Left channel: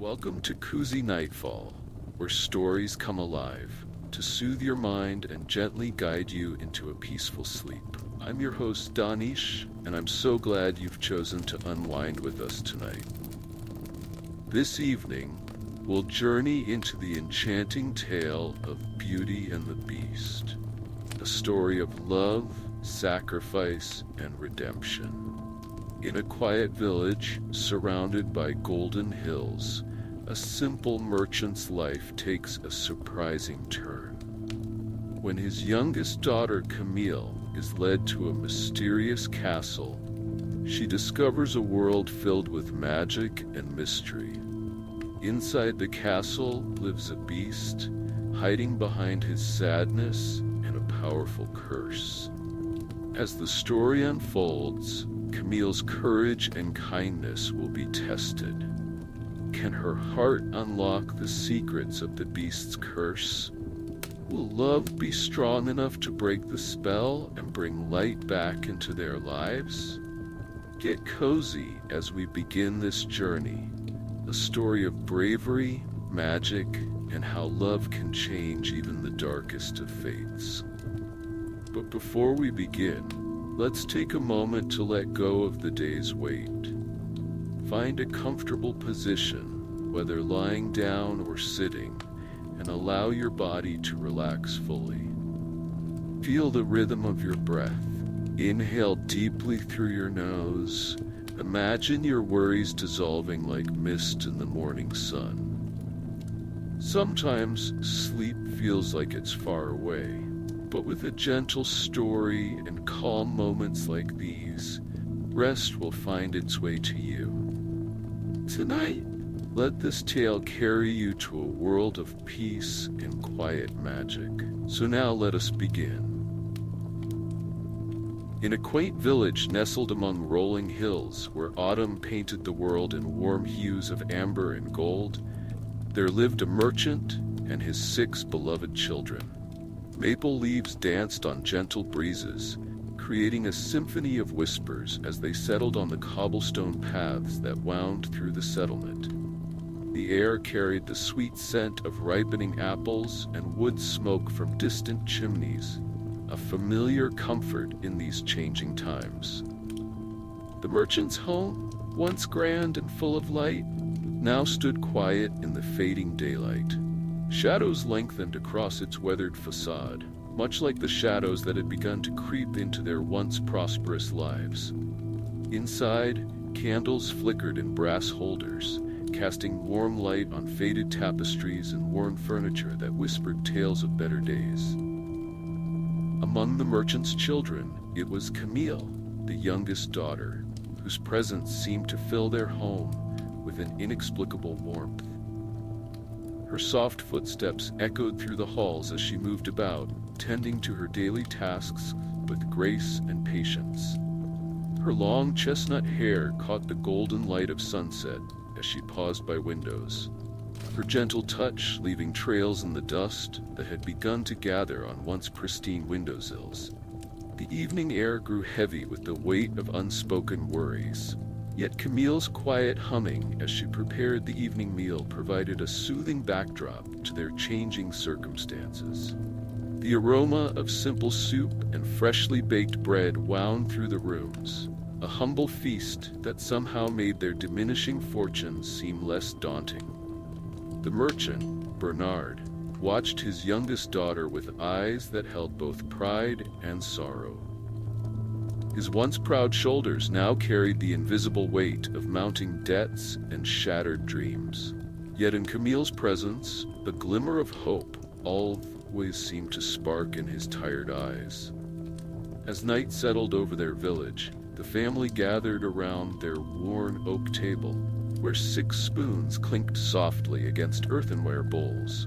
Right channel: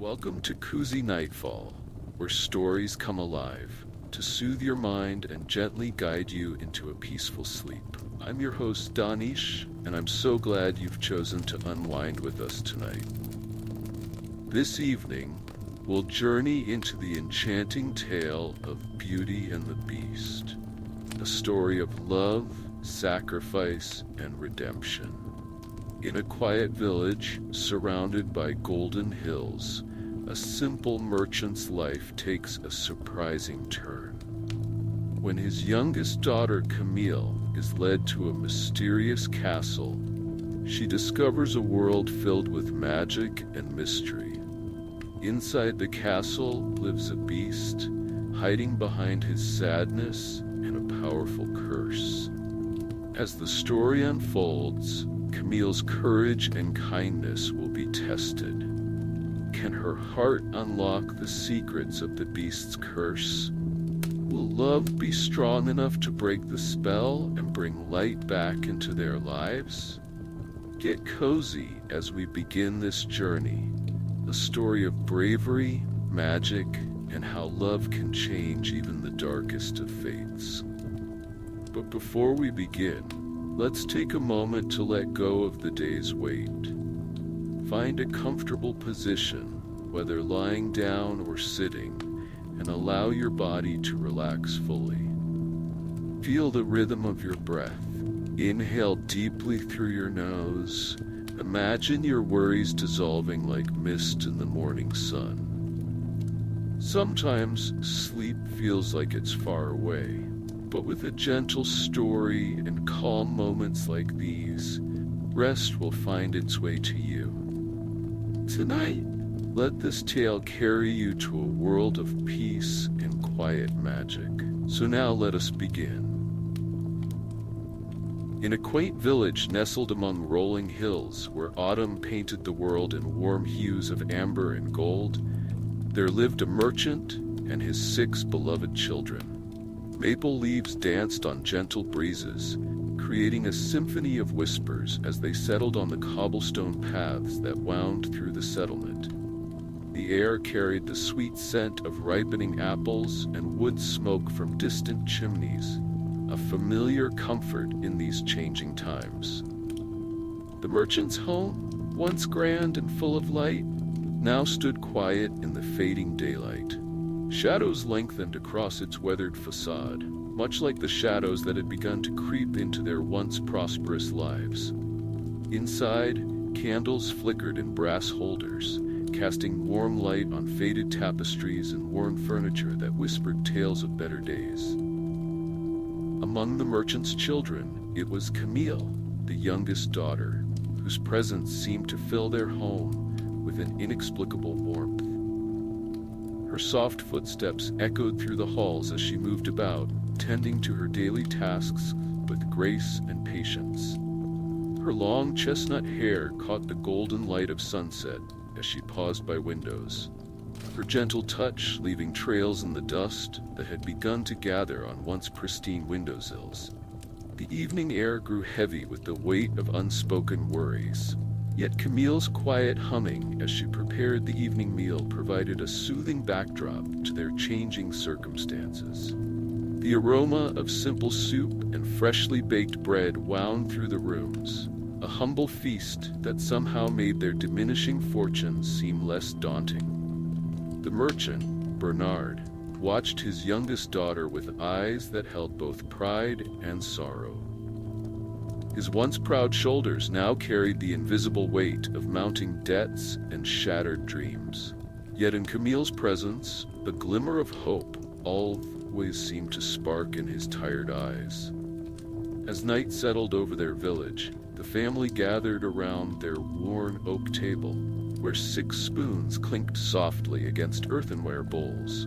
Welcome to Cozy Nightfall, where stories come alive to soothe your mind and gently guide you into a peaceful sleep. I'm your host, Danish, and I'm so glad you've chosen to unwind with us tonight. This evening, we'll journey into the enchanting tale of Beauty and the Beast, a story of love, sacrifice, and redemption. In a quiet village surrounded by golden hills, a simple merchant's life takes a surprising turn. When his youngest daughter, Camille, is led to a mysterious castle, she discovers a world filled with magic and mystery. Inside the castle lives a beast, hiding behind his sadness and a powerful curse. As the story unfolds, Camille's courage and kindness will be tested. Can her heart unlock the secrets of the beast's curse? Will love be strong enough to break the spell and bring light back into their lives? Get cozy as we begin this journey, a story of bravery, magic, and how love can change even the darkest of fates. But before we begin, let's take a moment to let go of the day's weight. Find a comfortable position, whether lying down or sitting, and allow your body to relax fully. Feel the rhythm of your breath. Inhale deeply through your nose. Imagine your worries dissolving like mist in the morning sun. Sometimes sleep feels like it's far away. But with a gentle story and calm moments like these, rest will find its way to you. Tonight, let this tale carry you to a world of peace and quiet magic. So now let us begin. In a quaint village nestled among rolling hills, where autumn painted the world in warm hues of amber and gold, there lived a merchant and his 6 beloved children. Maple leaves danced on gentle breezes, creating a symphony of whispers as they settled on the cobblestone paths that wound through the settlement. The air carried the sweet scent of ripening apples and wood smoke from distant chimneys, a familiar comfort in these changing times. The merchant's home, once grand and full of light, now stood quiet in the fading daylight. Shadows lengthened across its weathered facade, much like the shadows that had begun to creep into their once prosperous lives. Inside, candles flickered in brass holders, casting warm light on faded tapestries and worn furniture that whispered tales of better days. Among the merchant's children, it was Camille, the youngest daughter, whose presence seemed to fill their home with an inexplicable warmth. Her soft footsteps echoed through the halls as she moved about, tending to her daily tasks with grace and patience. Her long chestnut hair caught the golden light of sunset as she paused by windows, her gentle touch leaving trails in the dust that had begun to gather on once pristine windowsills. The evening air grew heavy with the weight of unspoken worries. Yet Camille's quiet humming as she prepared the evening meal provided a soothing backdrop to their changing circumstances. The aroma of simple soup and freshly baked bread wound through the rooms, a humble feast that somehow made their diminishing fortunes seem less daunting. The merchant, Bernard, watched his youngest daughter with eyes that held both pride and sorrow. His once proud shoulders now carried the invisible weight of mounting debts and shattered dreams. Yet in Camille's presence, a glimmer of hope always seemed to spark in his tired eyes. As night settled over their village, the family gathered around their worn oak table, where 6 spoons clinked softly against earthenware bowls.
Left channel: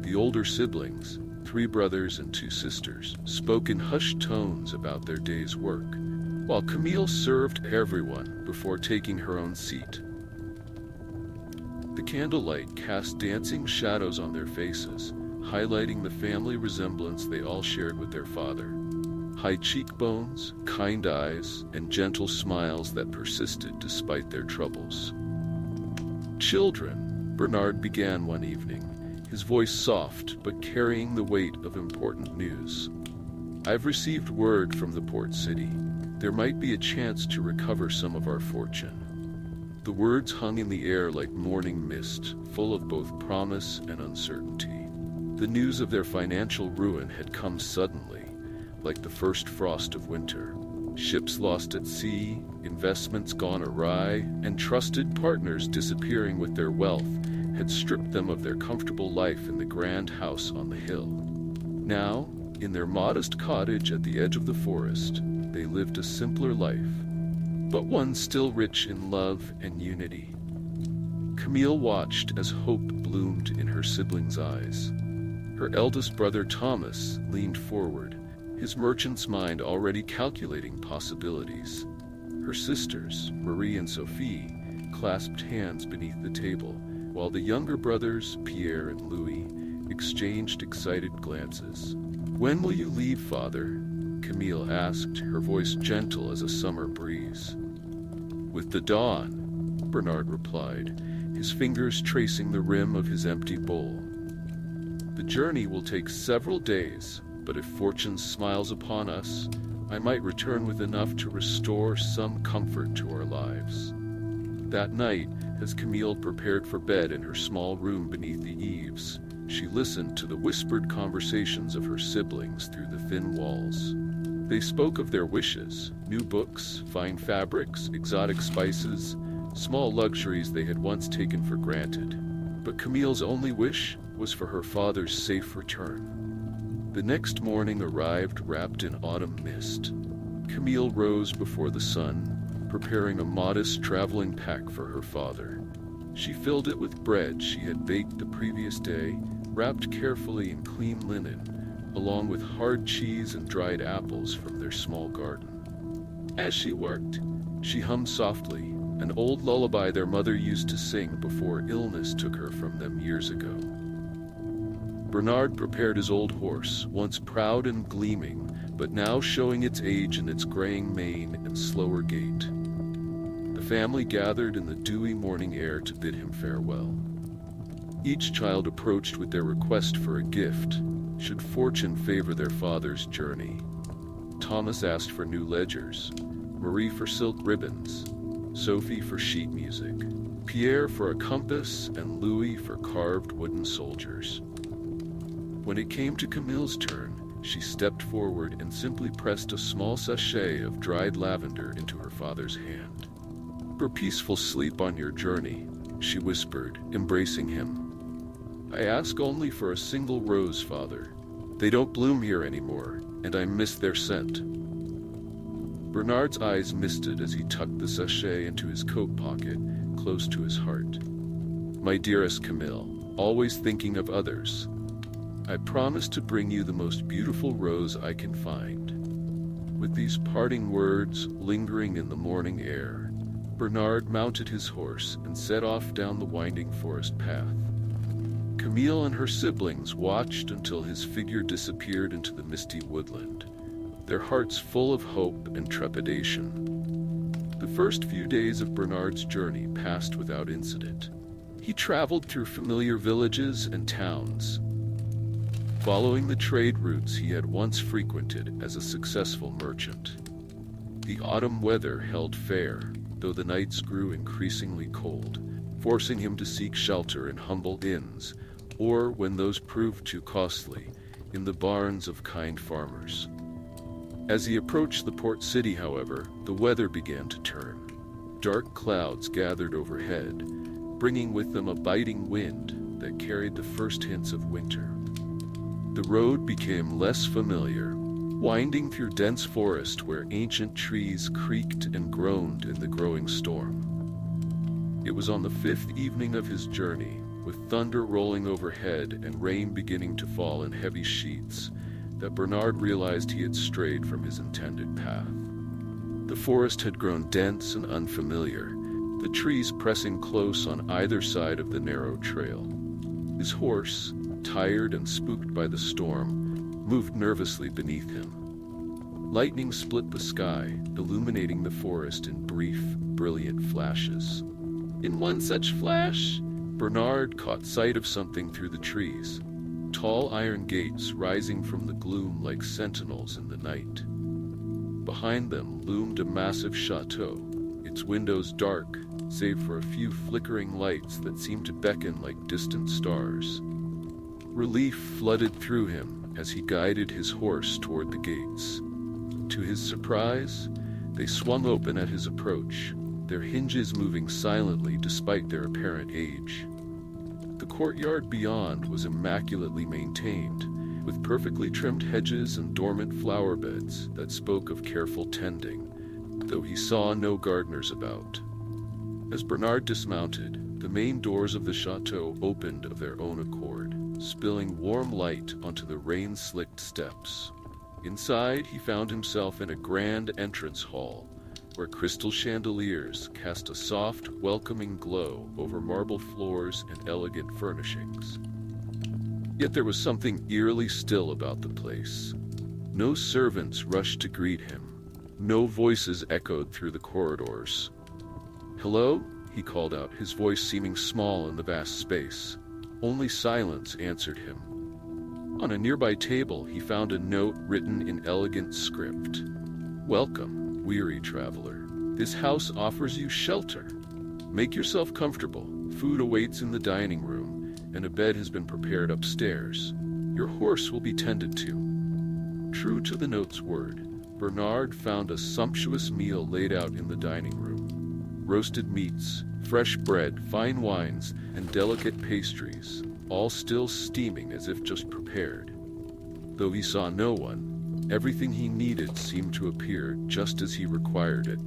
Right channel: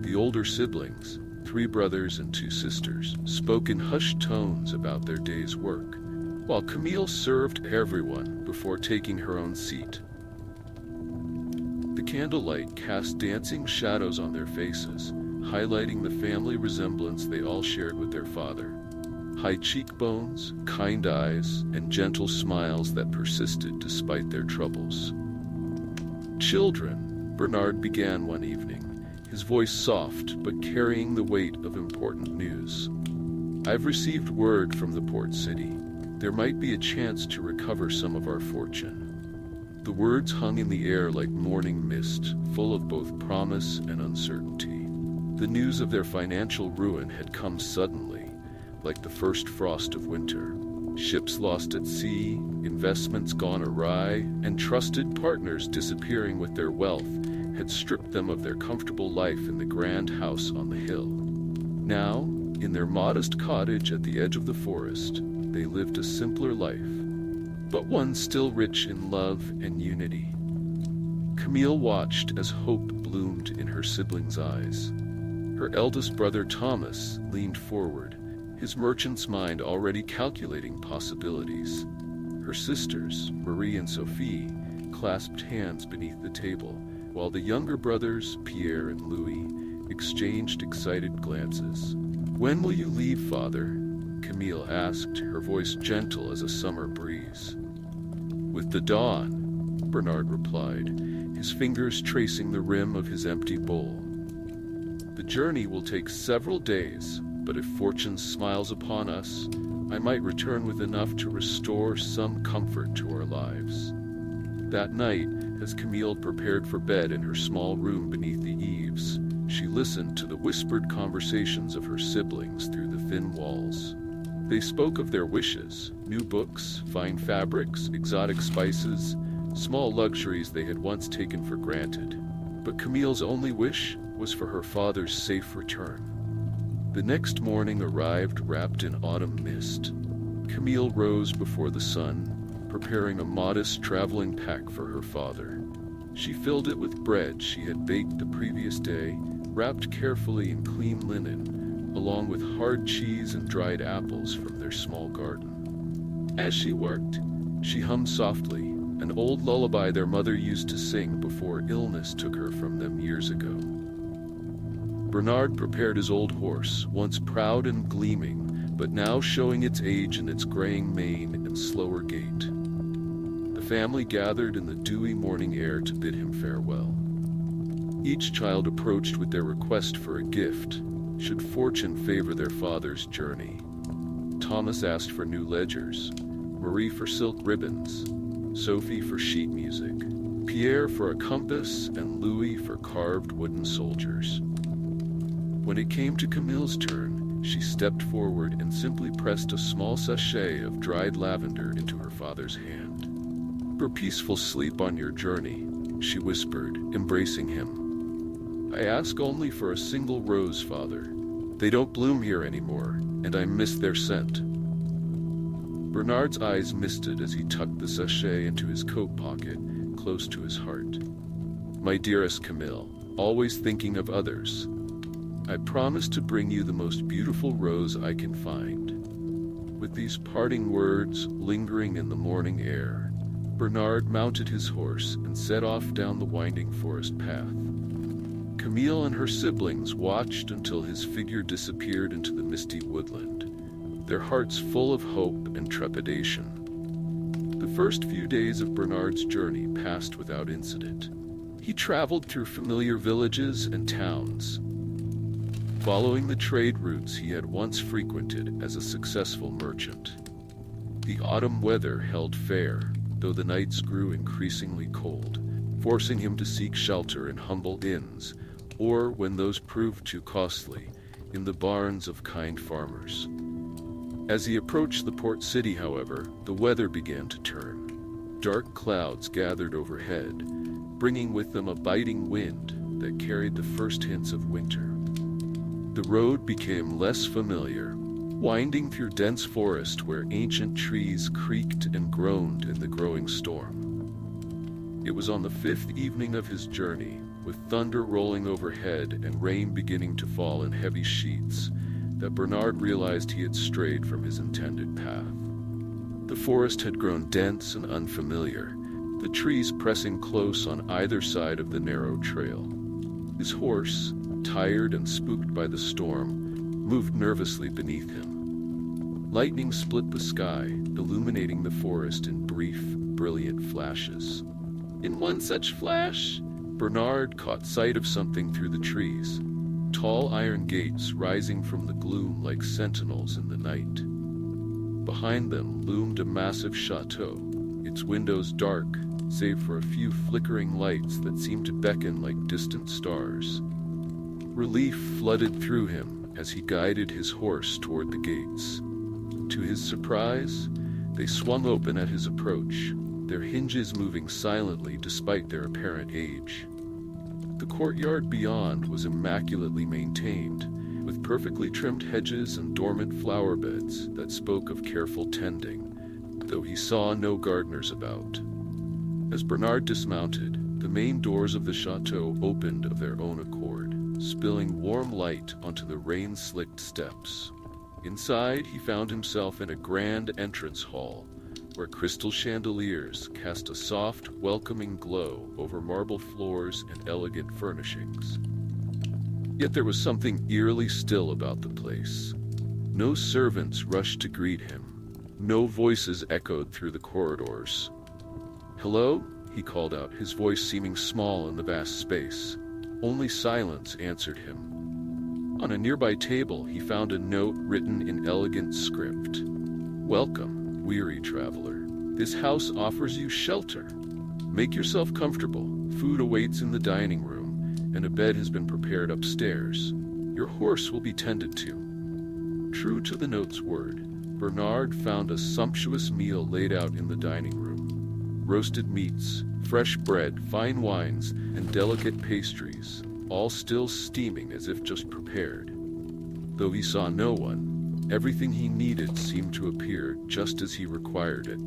The older siblings, 3 brothers and 2 sisters, spoke in hushed tones about their day's work, while Camille served everyone before taking her own seat. The candlelight cast dancing shadows on their faces, highlighting the family resemblance they all shared with their father. High cheekbones, kind eyes, and gentle smiles that persisted despite their troubles. "Children," Bernard began one evening, his voice soft but carrying the weight of important news. "I've received word from the port city. There might be a chance to recover some of our fortune." The words hung in the air like morning mist, full of both promise and uncertainty. The news of their financial ruin had come suddenly, like the first frost of winter. Ships lost at sea, investments gone awry, and trusted partners disappearing with their wealth had stripped them of their comfortable life in the grand house on the hill. Now, in their modest cottage at the edge of the forest, they lived a simpler life, but one still rich in love and unity. Camille watched as hope bloomed in her siblings' eyes. Her eldest brother Thomas leaned forward, his merchant's mind already calculating possibilities. Her sisters, Marie and Sophie, clasped hands beneath the table, while the younger brothers, Pierre and Louis, exchanged excited glances. "When will you leave, Father?" Camille asked, her voice gentle as a summer breeze. "With the dawn," Bernard replied, his fingers tracing the rim of his empty bowl. "The journey will take several days, but if fortune smiles upon us, I might return with enough to restore some comfort to our lives." That night, as Camille prepared for bed in her small room beneath the eaves, she listened to the whispered conversations of her siblings through the thin walls. They spoke of their wishes, new books, fine fabrics, exotic spices, small luxuries they had once taken for granted. But Camille's only wish was for her father's safe return. The next morning arrived wrapped in autumn mist. Camille rose before the sun, preparing a modest traveling pack for her father. She filled it with bread she had baked the previous day, wrapped carefully in clean linen, along with hard cheese and dried apples from their small garden. As she worked, she hummed softly, an old lullaby their mother used to sing before illness took her from them years ago. Bernard prepared his old horse, once proud and gleaming, but now showing its age in its graying mane and slower gait. The family gathered in the dewy morning air to bid him farewell. Each child approached with their request for a gift, should fortune favor their father's journey. Thomas asked for new ledgers, Marie for silk ribbons, Sophie for sheet music, Pierre for a compass, and Louis for carved wooden soldiers. When it came to Camille's turn, she stepped forward and simply pressed a small sachet of dried lavender into her father's hand. "For peaceful sleep on your journey," she whispered, embracing him. "I ask only for a single rose, Father. They don't bloom here anymore, and I miss their scent." Bernard's eyes misted as he tucked the sachet into his coat pocket, close to his heart. "My dearest Camille, always thinking of others, I promise to bring you the most beautiful rose I can find." With these parting words lingering in the morning air, Bernard mounted his horse and set off down the winding forest path. Camille and her siblings watched until his figure disappeared into the misty woodland, their hearts full of hope and trepidation. The first few days of Bernard's journey passed without incident. He traveled through familiar villages and towns, following the trade routes he had once frequented as a successful merchant. The autumn weather held fair, though the nights grew increasingly cold, forcing him to seek shelter in humble inns, or, when those proved too costly, in the barns of kind farmers. As he approached the port city, however, the weather began to turn. Dark clouds gathered overhead, bringing with them a biting wind that carried the first hints of winter. The road became less familiar, winding through dense forest where ancient trees creaked and groaned in the growing storm. It was on the fifth evening of his journey, with thunder rolling overhead and rain beginning to fall in heavy sheets, that Bernard realized he had strayed from his intended path. The forest had grown dense and unfamiliar, the trees pressing close on either side of the narrow trail. His horse, tired and spooked by the storm, moved nervously beneath him. Lightning split the sky, illuminating the forest in brief, brilliant flashes. In one such flash, Bernard caught sight of something through the trees. Tall iron gates rising from the gloom like sentinels in the night. Behind them loomed a massive chateau, its windows dark, save for a few flickering lights that seemed to beckon like distant stars. Relief flooded through him as he guided his horse toward the gates. To his surprise, they swung open at his approach, their hinges moving silently despite their apparent age. The courtyard beyond was immaculately maintained, with perfectly trimmed hedges and dormant flower beds that spoke of careful tending, though he saw no gardeners about. As Bernard dismounted, the main doors of the chateau opened of their own accord, spilling warm light onto the rain-slicked steps. Inside, he found himself in a grand entrance hall, where crystal chandeliers cast a soft, welcoming glow over marble floors and elegant furnishings. Yet there was something eerily still about the place. No servants rushed to greet him. No voices echoed through the corridors. "Hello?" he called out, his voice seeming small in the vast space. Only silence answered him. On a nearby table, he found a note written in elegant script. "Welcome, weary traveler. This house offers you shelter. Make yourself comfortable. Food awaits in the dining room, and a bed has been prepared upstairs. Your horse will be tended to." True to the note's word, Bernard found a sumptuous meal laid out in the dining room. Roasted meats, fresh bread, fine wines, and delicate pastries, all still steaming as if just prepared. Though he saw no one, everything he needed seemed to appear just as he required it.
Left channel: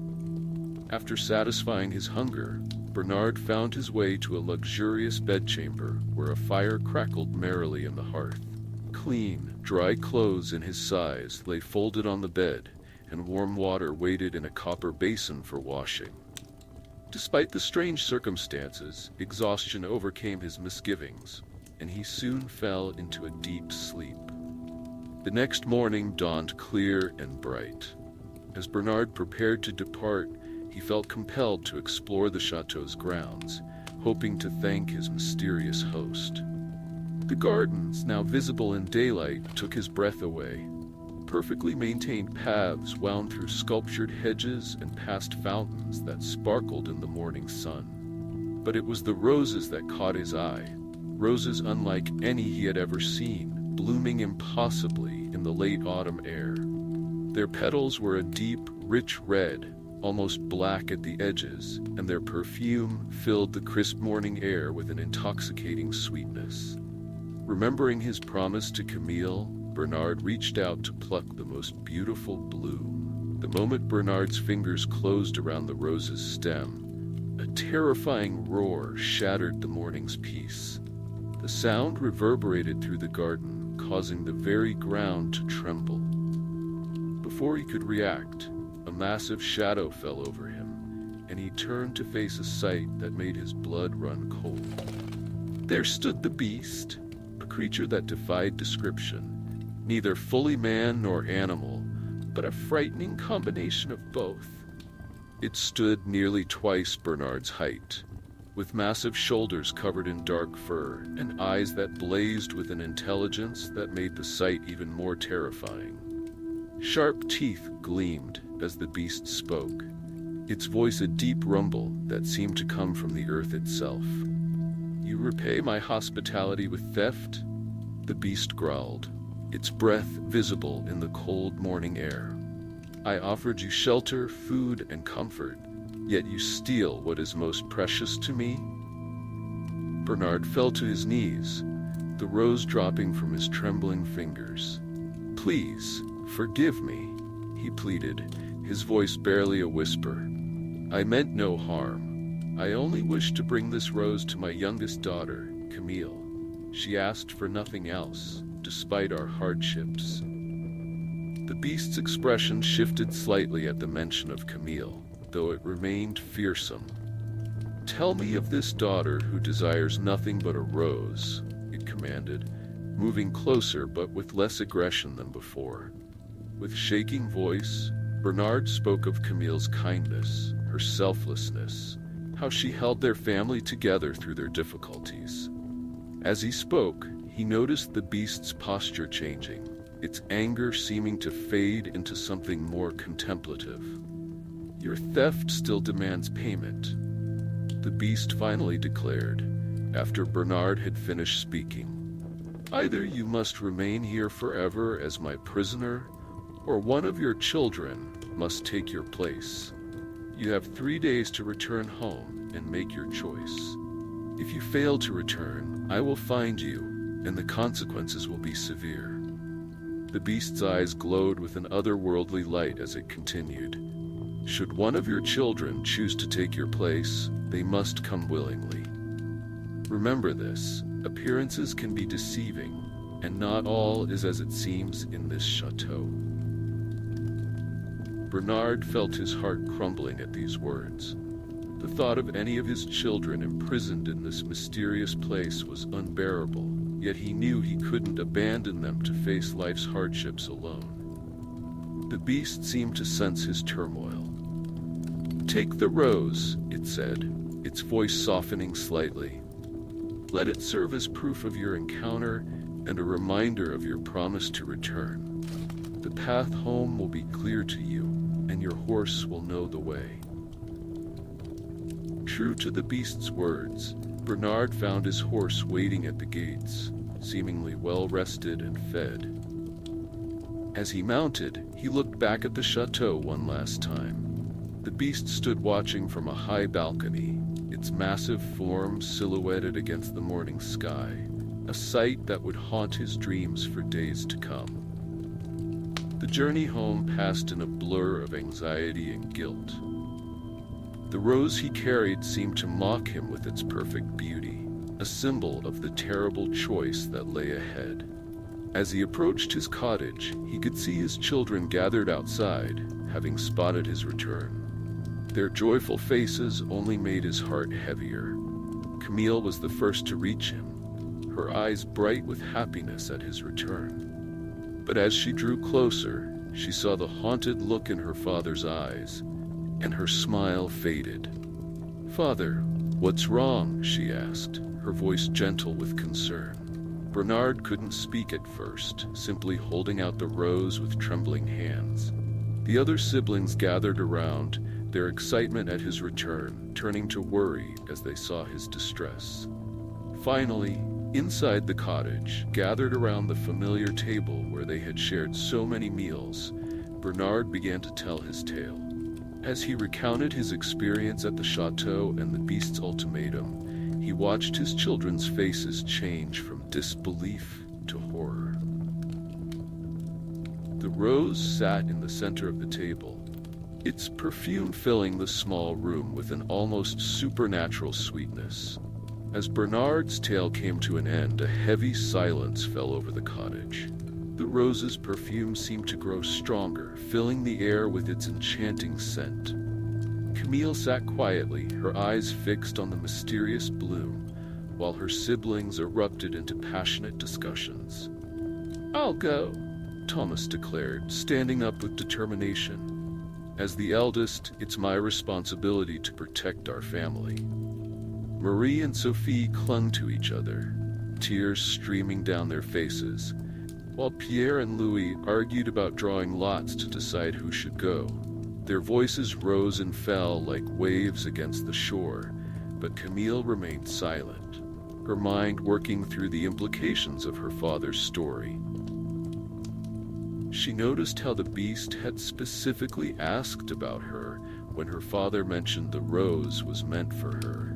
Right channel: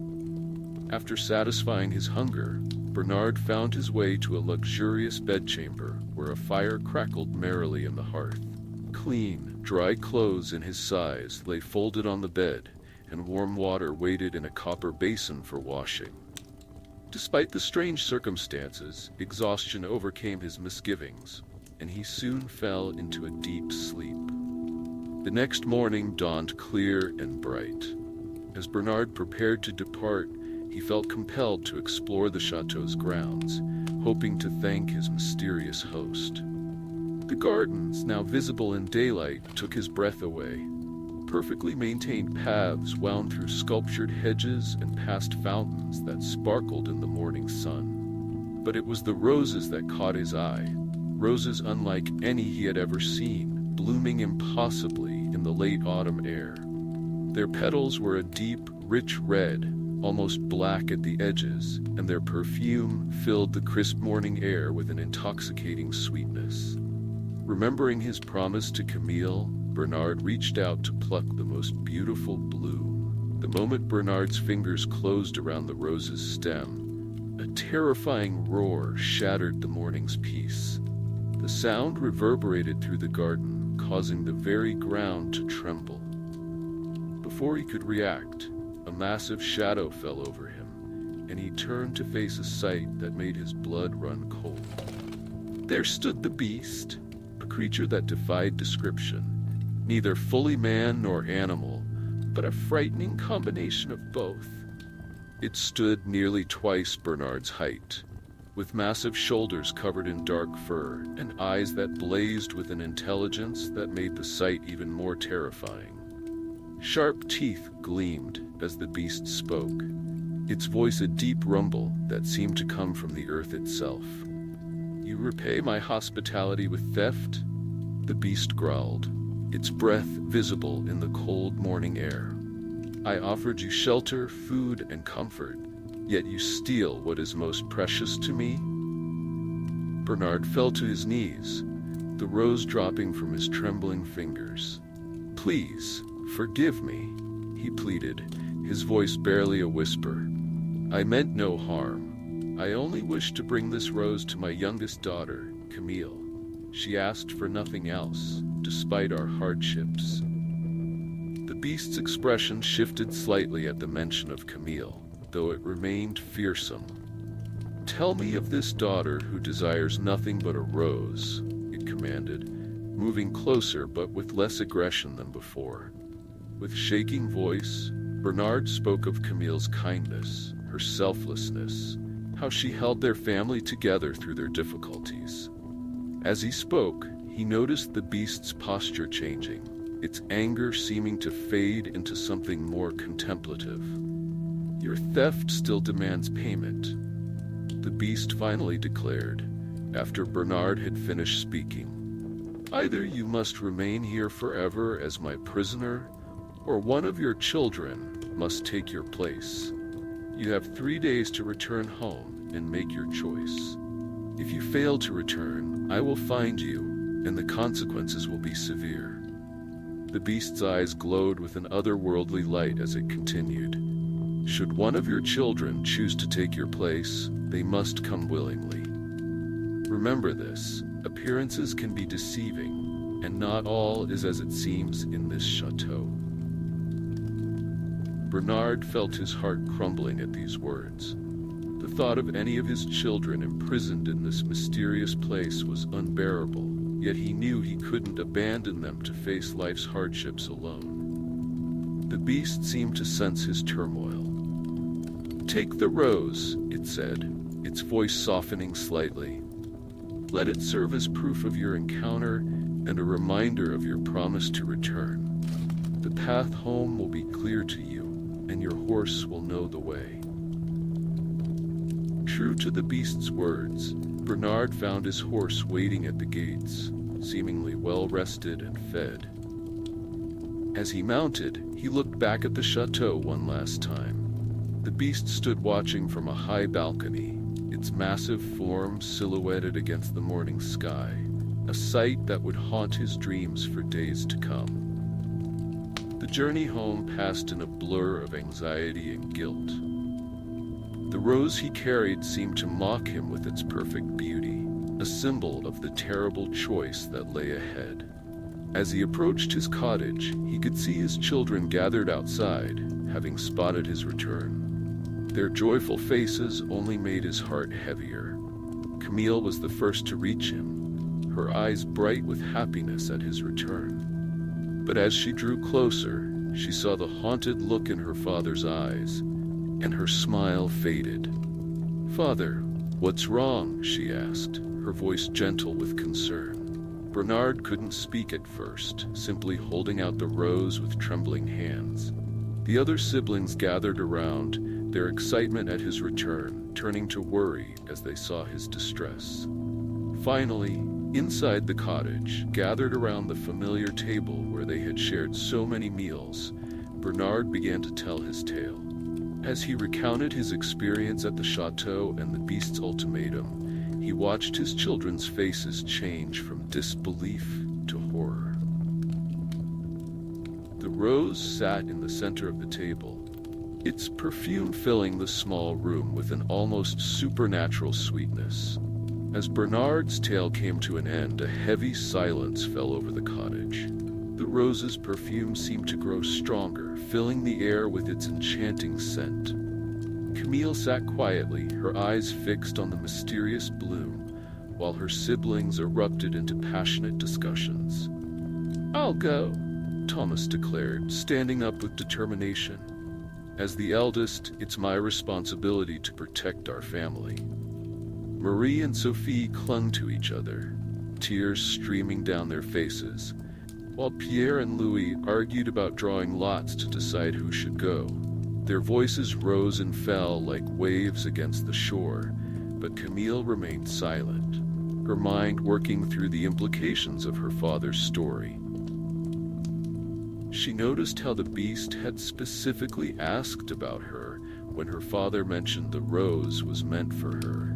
After satisfying his hunger, Bernard found his way to a luxurious bedchamber where a fire crackled merrily in the hearth. Clean, dry clothes in his size lay folded on the bed, and warm water waited in a copper basin for washing. Despite the strange circumstances, exhaustion overcame his misgivings, and he soon fell into a deep sleep. The next morning dawned clear and bright. As Bernard prepared to depart, he felt compelled to explore the chateau's grounds, hoping to thank his mysterious host. The gardens, now visible in daylight, took his breath away. Perfectly maintained paths wound through sculptured hedges and past fountains that sparkled in the morning sun. But it was the roses that caught his eye, roses unlike any he had ever seen, blooming impossibly in the late autumn air. Their petals were a deep, rich red, almost black at the edges, and their perfume filled the crisp morning air with an intoxicating sweetness. Remembering his promise to Camille, Bernard reached out to pluck the most beautiful bloom. The moment Bernard's fingers closed around the rose's stem, a terrifying roar shattered the morning's peace. The sound reverberated through the garden, causing the very ground to tremble. Before he could react, a massive shadow fell over him, and he turned to face a sight that made his blood run cold. There stood the beast, a creature that defied description, neither fully man nor animal, but a frightening combination of both. It stood nearly twice Bernard's height, with massive shoulders covered in dark fur and eyes that blazed with an intelligence that made the sight even more terrifying. Sharp teeth gleamed as the beast spoke, its voice a deep rumble that seemed to come from the earth itself. "You repay my hospitality with theft?" the beast growled, its breath visible in the cold morning air. "I offered you shelter, food, and comfort, yet you steal what is most precious to me?" Bernard fell to his knees, the rose dropping from his trembling fingers. "Please, forgive me," he pleaded, his voice barely a whisper. "I meant no harm. I only wished to bring this rose to my youngest daughter, Camille. She asked for nothing else, despite our hardships." The beast's expression shifted slightly at the mention of Camille, though it remained fearsome. "Tell me of this daughter who desires nothing but a rose," it commanded, moving closer but with less aggression than before. With shaking voice, Bernard spoke of Camille's kindness, her selflessness, how she held their family together through their difficulties. As he spoke, he noticed the beast's posture changing, its anger seeming to fade into something more contemplative. "Your theft still demands payment," the beast finally declared, after Bernard had finished speaking. "Either you must remain here forever as my prisoner, or one of your children must take your place. You have 3 days to return home and make your choice. If you fail to return, I will find you, and the consequences will be severe." The beast's eyes glowed with an otherworldly light as it continued. "Should one of your children choose to take your place, they must come willingly. Remember this, appearances can be deceiving, and not all is as it seems in this chateau." Bernard felt his heart crumbling at these words. The thought of any of his children imprisoned in this mysterious place was unbearable, yet he knew he couldn't abandon them to face life's hardships alone. The beast seemed to sense his turmoil. "Take the rose," it said, its voice softening slightly. "Let it serve as proof of your encounter and a reminder of your promise to return. The path home will be clear to you, and your horse will know the way." True to the beast's words, Bernard found his horse waiting at the gates, seemingly well rested and fed. As he mounted, he looked back at the chateau one last time. The beast stood watching from a high balcony, its massive form silhouetted against the morning sky, a sight that would haunt his dreams for days to come. The journey home passed in a blur of anxiety and guilt. The rose he carried seemed to mock him with its perfect beauty, a symbol of the terrible choice that lay ahead. As he approached his cottage, he could see his children gathered outside, having spotted his return. Their joyful faces only made his heart heavier. Camille was the first to reach him, her eyes bright with happiness at his return. But as she drew closer, she saw the haunted look in her father's eyes, and her smile faded. "Father, what's wrong?" she asked, her voice gentle with concern. Bernard couldn't speak at first, simply holding out the rose with trembling hands. The other siblings gathered around, their excitement at his return turning to worry as they saw his distress. Finally, inside the cottage, gathered around the familiar table where they had shared so many meals, Bernard began to tell his tale. As he recounted his experience at the chateau and the beast's ultimatum, he watched his children's faces change from disbelief to horror. The rose sat in the center of the table, its perfume filling the small room with an almost supernatural sweetness. As Bernard's tale came to an end, a heavy silence fell over the cottage. The rose's perfume seemed to grow stronger, filling the air with its enchanting scent. Camille sat quietly, her eyes fixed on the mysterious bloom, while her siblings erupted into passionate discussions. "I'll go," Thomas declared, standing up with determination. "As the eldest, it's my responsibility to protect our family." Marie and Sophie clung to each other, tears streaming down their faces, while Pierre and Louis argued about drawing lots to decide who should go. Their voices rose and fell like waves against the shore, but Camille remained silent, her mind working through the implications of her father's story. She noticed how the beast had specifically asked about her when her father mentioned the rose was meant for her.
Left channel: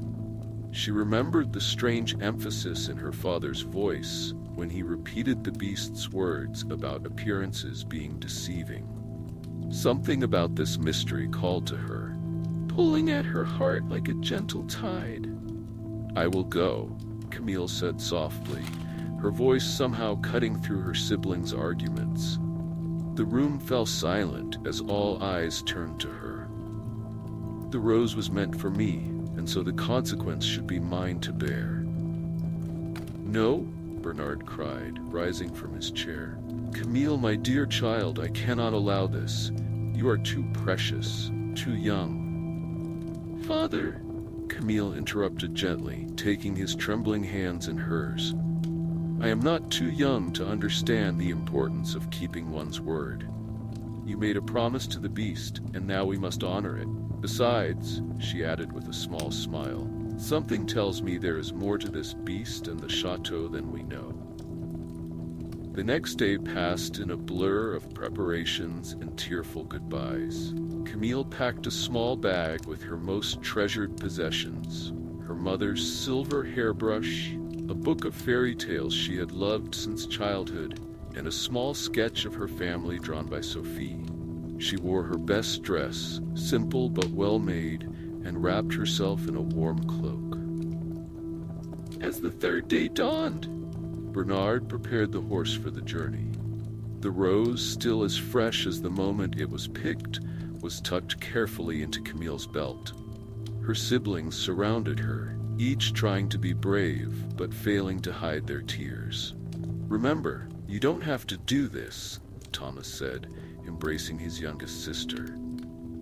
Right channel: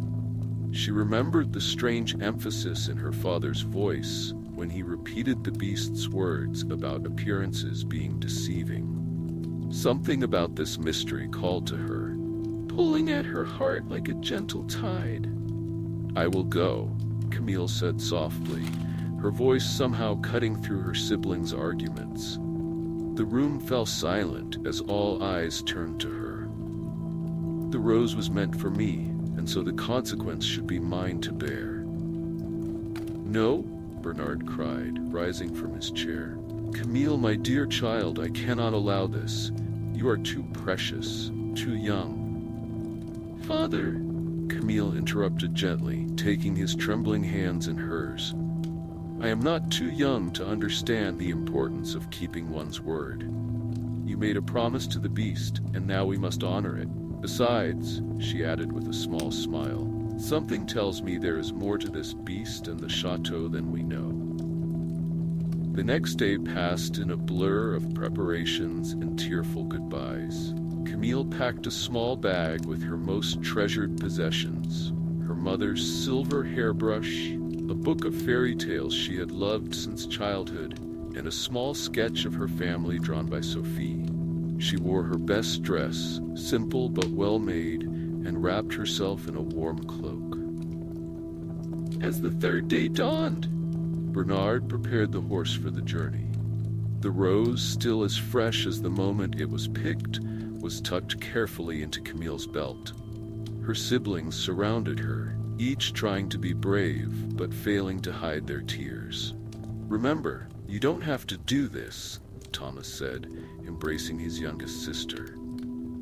She remembered the strange emphasis in her father's voice when he repeated the beast's words about appearances being deceiving. Something about this mystery called to her, pulling at her heart like a gentle tide. "I will go," Camille said softly, her voice somehow cutting through her siblings' arguments. The room fell silent as all eyes turned to her. "The rose was meant for me, and so the consequence should be mine to bear." "No," Bernard cried, rising from his chair. "Camille, my dear child, I cannot allow this. You are too precious, too young." "Father," Camille interrupted gently, taking his trembling hands in hers. I am not too young to understand the importance of keeping one's word. You made a promise to the beast, and now we must honor it. Besides, she added with a small smile, something tells me there is more to this beast and the chateau than we know. The next day passed in a blur of preparations and tearful goodbyes. Camille packed a small bag with her most treasured possessions, her mother's silver hairbrush, a book of fairy tales she had loved since childhood, and a small sketch of her family drawn by Sophie. She wore her best dress, simple but well-made, and wrapped herself in a warm cloak. As the third day dawned, Bernard prepared the horse for the journey. The rose, still as fresh as the moment it was picked, was tucked carefully into Camille's belt. Her siblings surrounded her, each trying to be brave, but failing to hide their tears. Remember, you don't have to do this, Thomas said, embracing his youngest sister.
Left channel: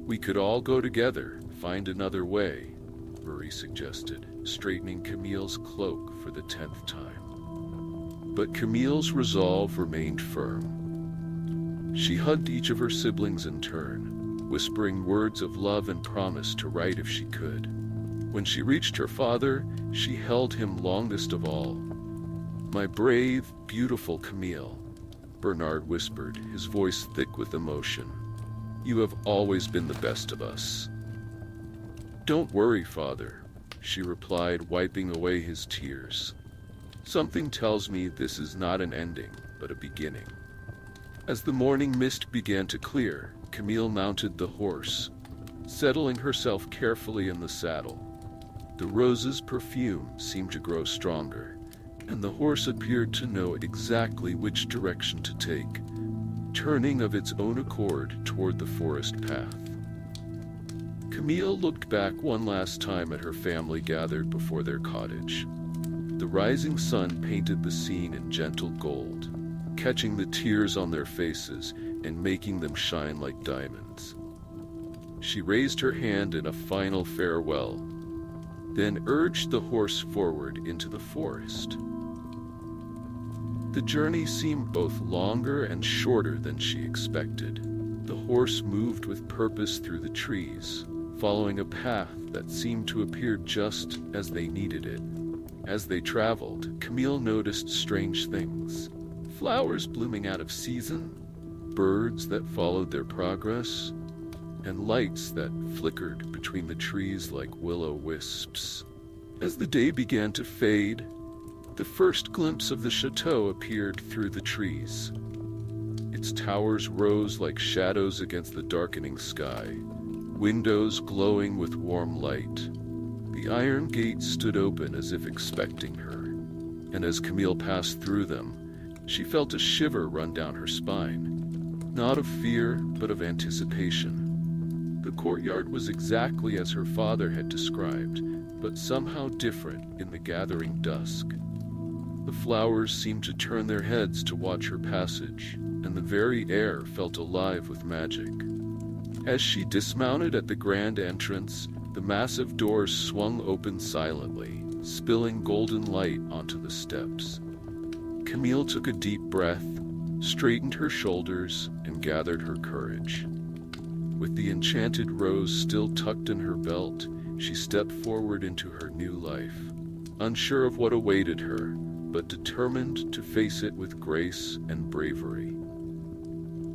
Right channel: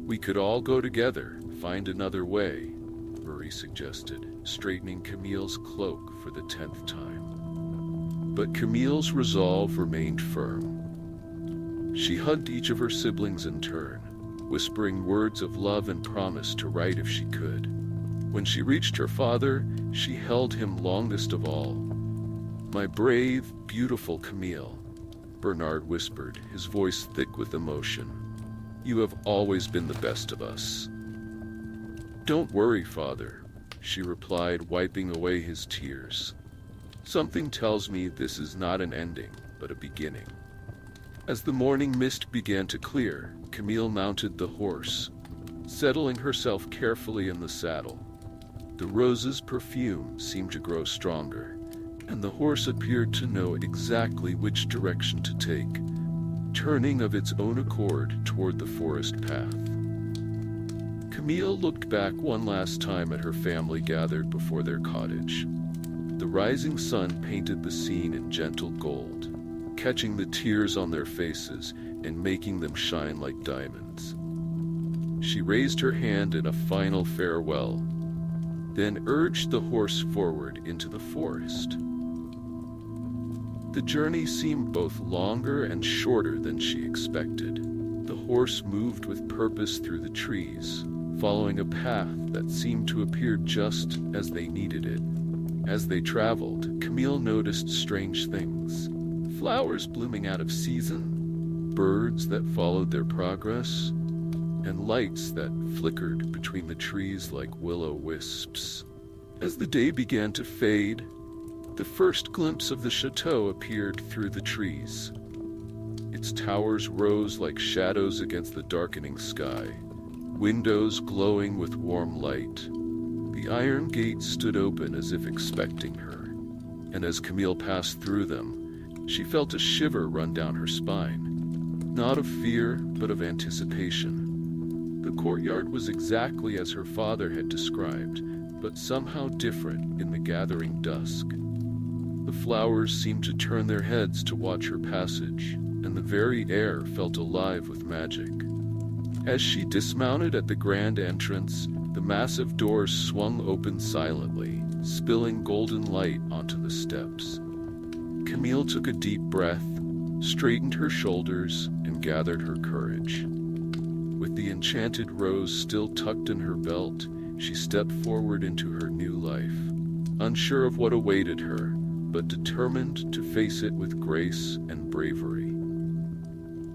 We could all go together, find another way, Marie suggested, straightening Camille's cloak for the 10th time. But Camille's resolve remained firm. She hugged each of her siblings in turn, whispering words of love and promise to write if she could. When she reached her father, she held him longest of all. My brave, beautiful Camille, Bernard whispered, his voice thick with emotion. You have always been the best of us. Don't worry, father, she replied, wiping away his tears. Something tells me this is not an ending, but a beginning. As the morning mist began to clear, Camille mounted the horse, settling herself carefully in the saddle. The rose's perfume seemed to grow stronger, and the horse appeared to know exactly which direction to take, turning of its own accord toward the forest path. Camille looked back one last time at her family gathered before their cottage. The rising sun painted the scene in gentle gold, catching the tears on their faces and making them shine like diamonds. She raised her hand in a final farewell, then urged the horse forward into the forest. The journey seemed both longer and shorter than she expected. The horse moved with purpose through the trees, following a path that seemed to appear just as they needed it. As they traveled, Camille noticed strange things. Flowers blooming out of season, birds that followed their progress, and lights that flickered between the trees like will-o-wisps. As the day began to fade, the first glimpse of the chateau appeared through the trees. Its towers rose like shadows against the darkening sky, windows glowing with warm light. The iron gates stood open as if expecting her, and as Camille passed through them, she felt a shiver run down her spine, not of fear, but of anticipation. The courtyard was exactly as her father had described, but somehow different in the gathering dusk. The flowers seemed to turn their heads to watch her passage, and the very air felt alive with magic. As she dismounted at the grand entrance, the massive doors swung open silently, spilling golden light onto the steps. Camille took a deep breath, straightened her shoulders, and gathered her courage. With the enchanted rose still tucked in her belt, she stepped forward into her new life, unsure of what awaited her, but determined to face it with grace and bravery.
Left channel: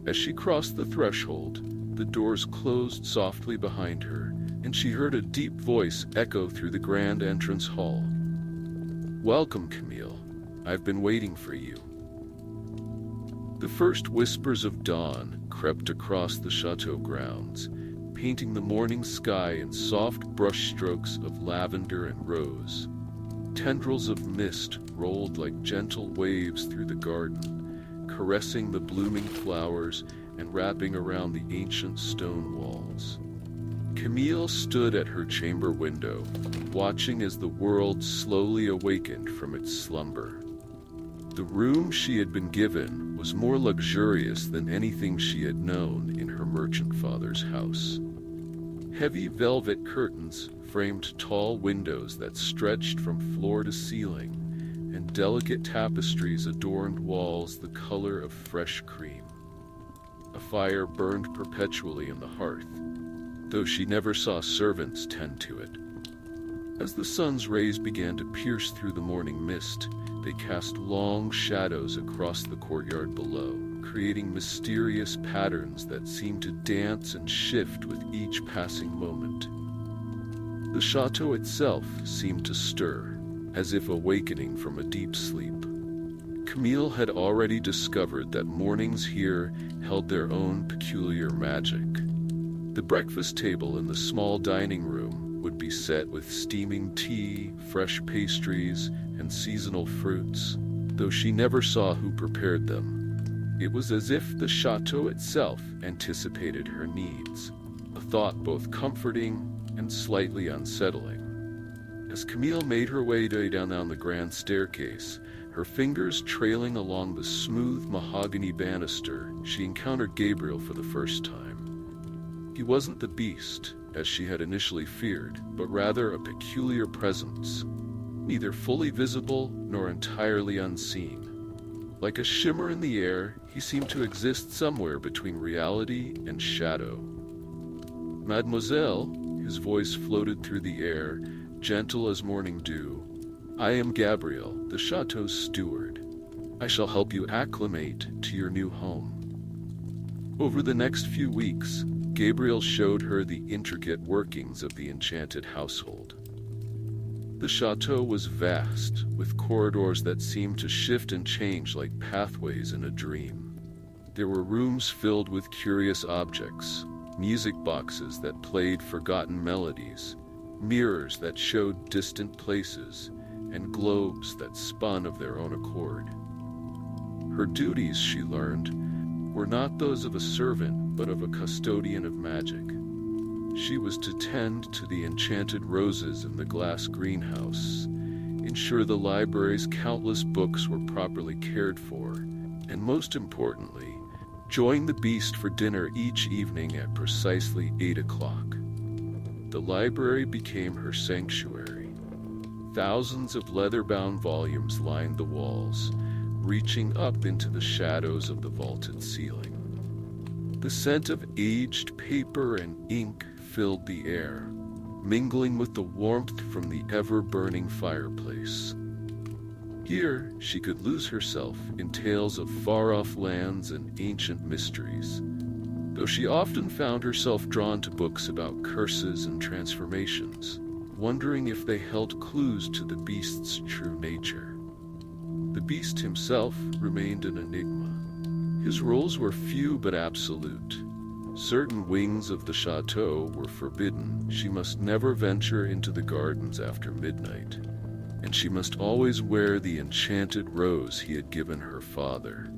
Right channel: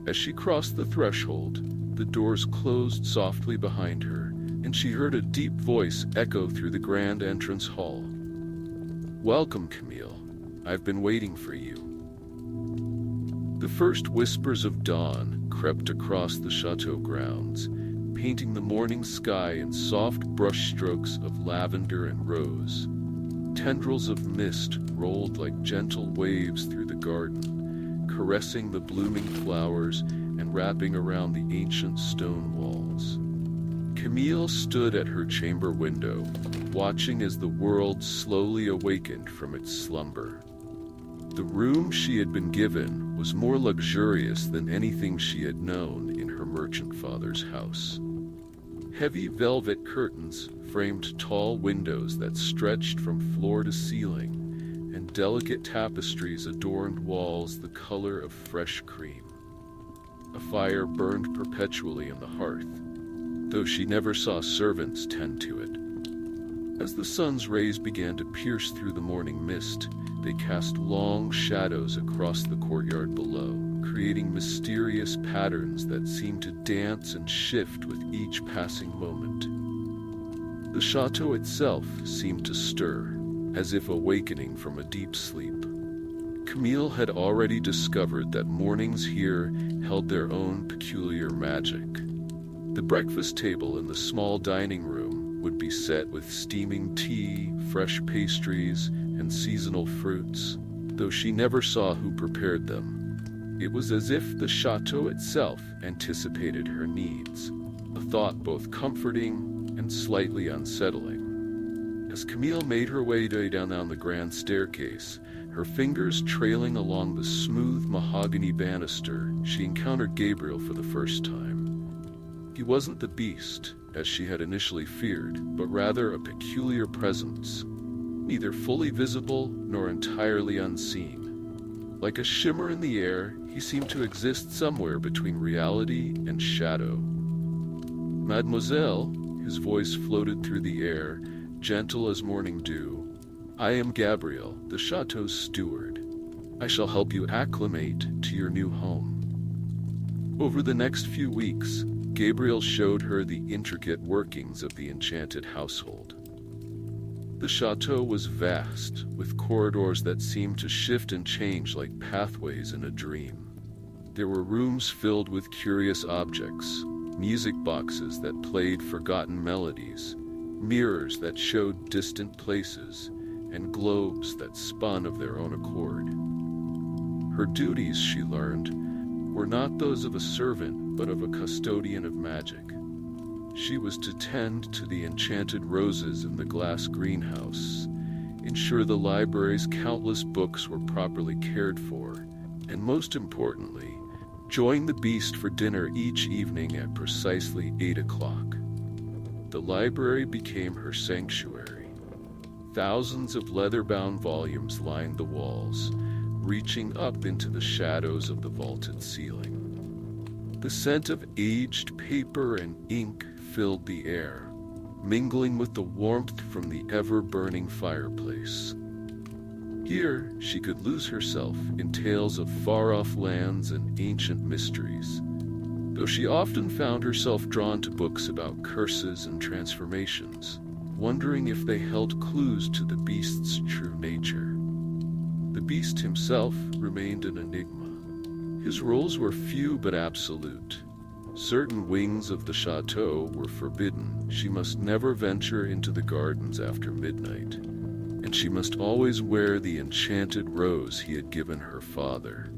As she crossed the threshold, the doors closed softly behind her, and she heard a deep voice echo through the grand entrance hall. Welcome, Camille. I've been waiting for you. The first whispers of dawn crept across the chateau grounds, painting the morning sky in soft brushstrokes of lavender and rose. Tendrils of mist rolled like gentle waves through the garden, caressing the blooming flowers and wrapping around the ancient stone walls. Camille stood at her chamber window, watching as the world slowly awakened from its slumber. The room she had been given was more luxurious than anything she had known in her merchant father's house. Heavy velvet curtains framed tall windows that stretched from floor to ceiling, and delicate tapestries adorned walls the color of fresh cream. A fire burned perpetually in the hearth, though she never saw servants tend to it. As the sun's rays began to pierce through the morning mist, they cast long shadows across the courtyard below, creating mysterious patterns that seemed to dance and shift with each passing moment. The chateau itself seemed to stir, as if awakening from a deep sleep. Camille had already discovered that mornings here held their own peculiar magic. The breakfast table in the small dining room would be set with steaming tea, fresh pastries, and seasonal fruits, though she never saw who prepared them. It was as if the chateau itself anticipated her needs, a thought both comforting and slightly unsettling. As Camille made her way down the grand staircase, her fingers trailing along the smooth mahogany banister, she encountered Gabriel for the first time. He wasn't the beast, as she had initially feared, but rather a peculiar presence, neither fully visible nor entirely unseen. Like a shimmer in the air, he seemed to exist somewhere between reality and shadow. "Mademoiselle," his voice floated through the air, gentle as morning dew, "I am Gabriel, the chateau's steward. I shall help you acclimate to your new home." Over the next few weeks, Gabriel showed her the intricate workings of the enchanted household. The chateau was vast, with corridors that seemed to shift and change like pathways in a dream. There were rooms filled with curious objects, music boxes that played forgotten melodies, mirrors that showed distant places, and globes that spun of their own accord. Her duties, she learned, were not those of a servant, but of a custodian of magic. She was to tend to the enchanted roses in the glass greenhouse, ensure the library's countless books were properly cared for, and most importantly, join the beast for dinner each evening at precisely 8 o'clock. The library became her sanctuary. Thousands of leather-bound volumes lined the walls, reaching up into the shadows of the vaulted ceiling. The scent of aged paper and ink filled the air, mingling with the warmth from the ever-burning fireplace. Here, she could lose herself in tales of far-off lands and ancient mysteries, though she often found herself drawn to books about curses and transformations, wondering if they held clues to the beast's true nature. The beast himself remained an enigma. His roles were few but absolute. Certain wings of the chateau were forbidden. She must never venture into the gardens after midnight, and she must always wear the enchanted rose he had given her father.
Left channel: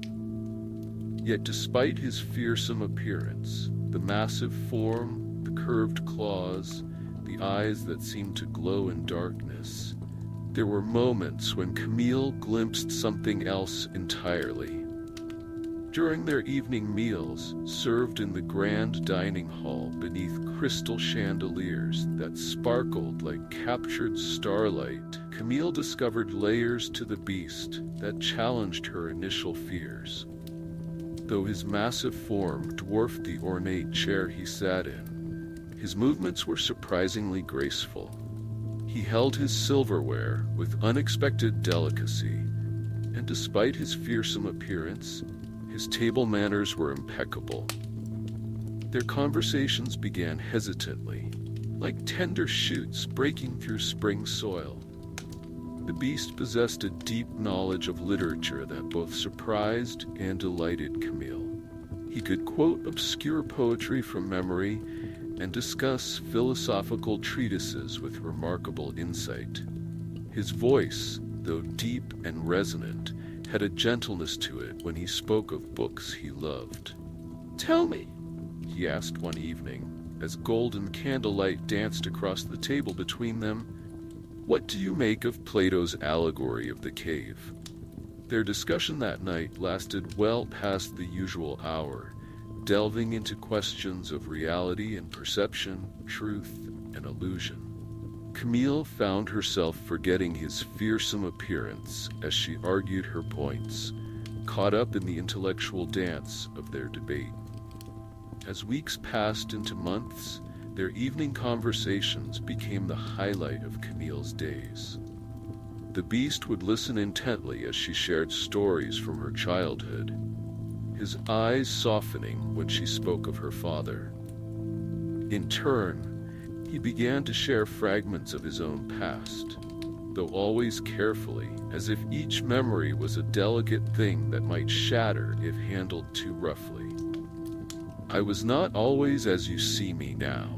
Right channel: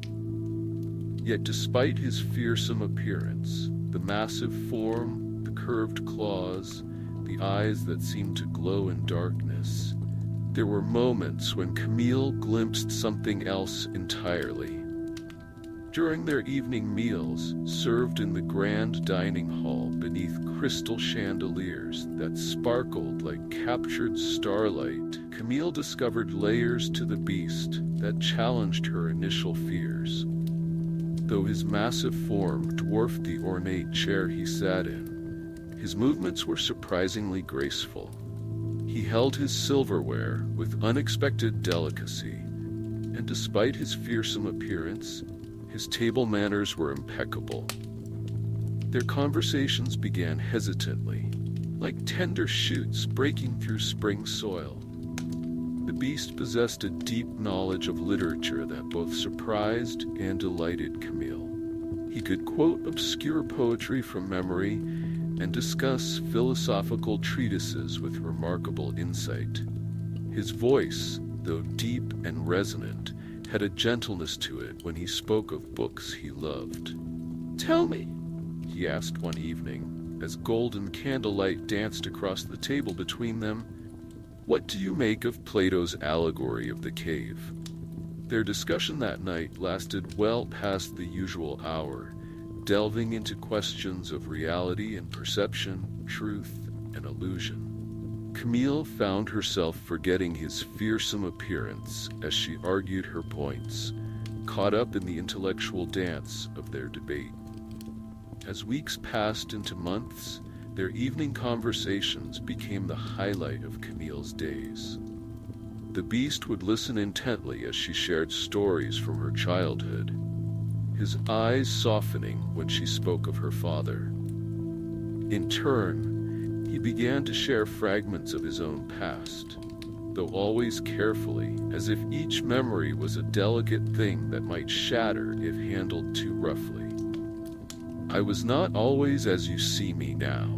Yet despite his fearsome appearance, the massive form, the curved claws, the eyes that seemed to glow in darkness, there were moments when Camille glimpsed something else entirely. During their evening meals, served in the grand dining hall beneath crystal chandeliers that sparkled like captured starlight, Camille discovered layers to the beast that challenged her initial fears. Though his massive form dwarfed the ornate chair he sat in, his movements were surprisingly graceful. He held his silverware with unexpected delicacy, and despite his fearsome appearance, his table manners were impeccable. Their conversations began hesitantly, like tender shoots breaking through spring soil. The beast possessed a deep knowledge of literature that both surprised and delighted Camille. He could quote obscure poetry from memory and discuss philosophical treatises with remarkable insight. His voice, though deep and resonant, had a gentleness to it when he spoke of books he loved. "Tell me," he asked one evening, as golden candlelight danced across the table between them, "what do you make of Plato's allegory of the cave?" Their discussion that night lasted well past the usual hour, delving into questions of reality and perception, truth and illusion. Camille found herself forgetting his fearsome appearance as she argued her points, caught up in the intellectual dance of their debate. As weeks passed into months, their evening conversations became the highlight of Camille's days. The beast would listen intently as she shared stories from her childhood, his eyes softening when she spoke of her father. In turn, he began to share fragments of his own past, though always carefully, as if each memory was a delicate thing that might shatter if handled too roughly. "I was not always as you see me now,"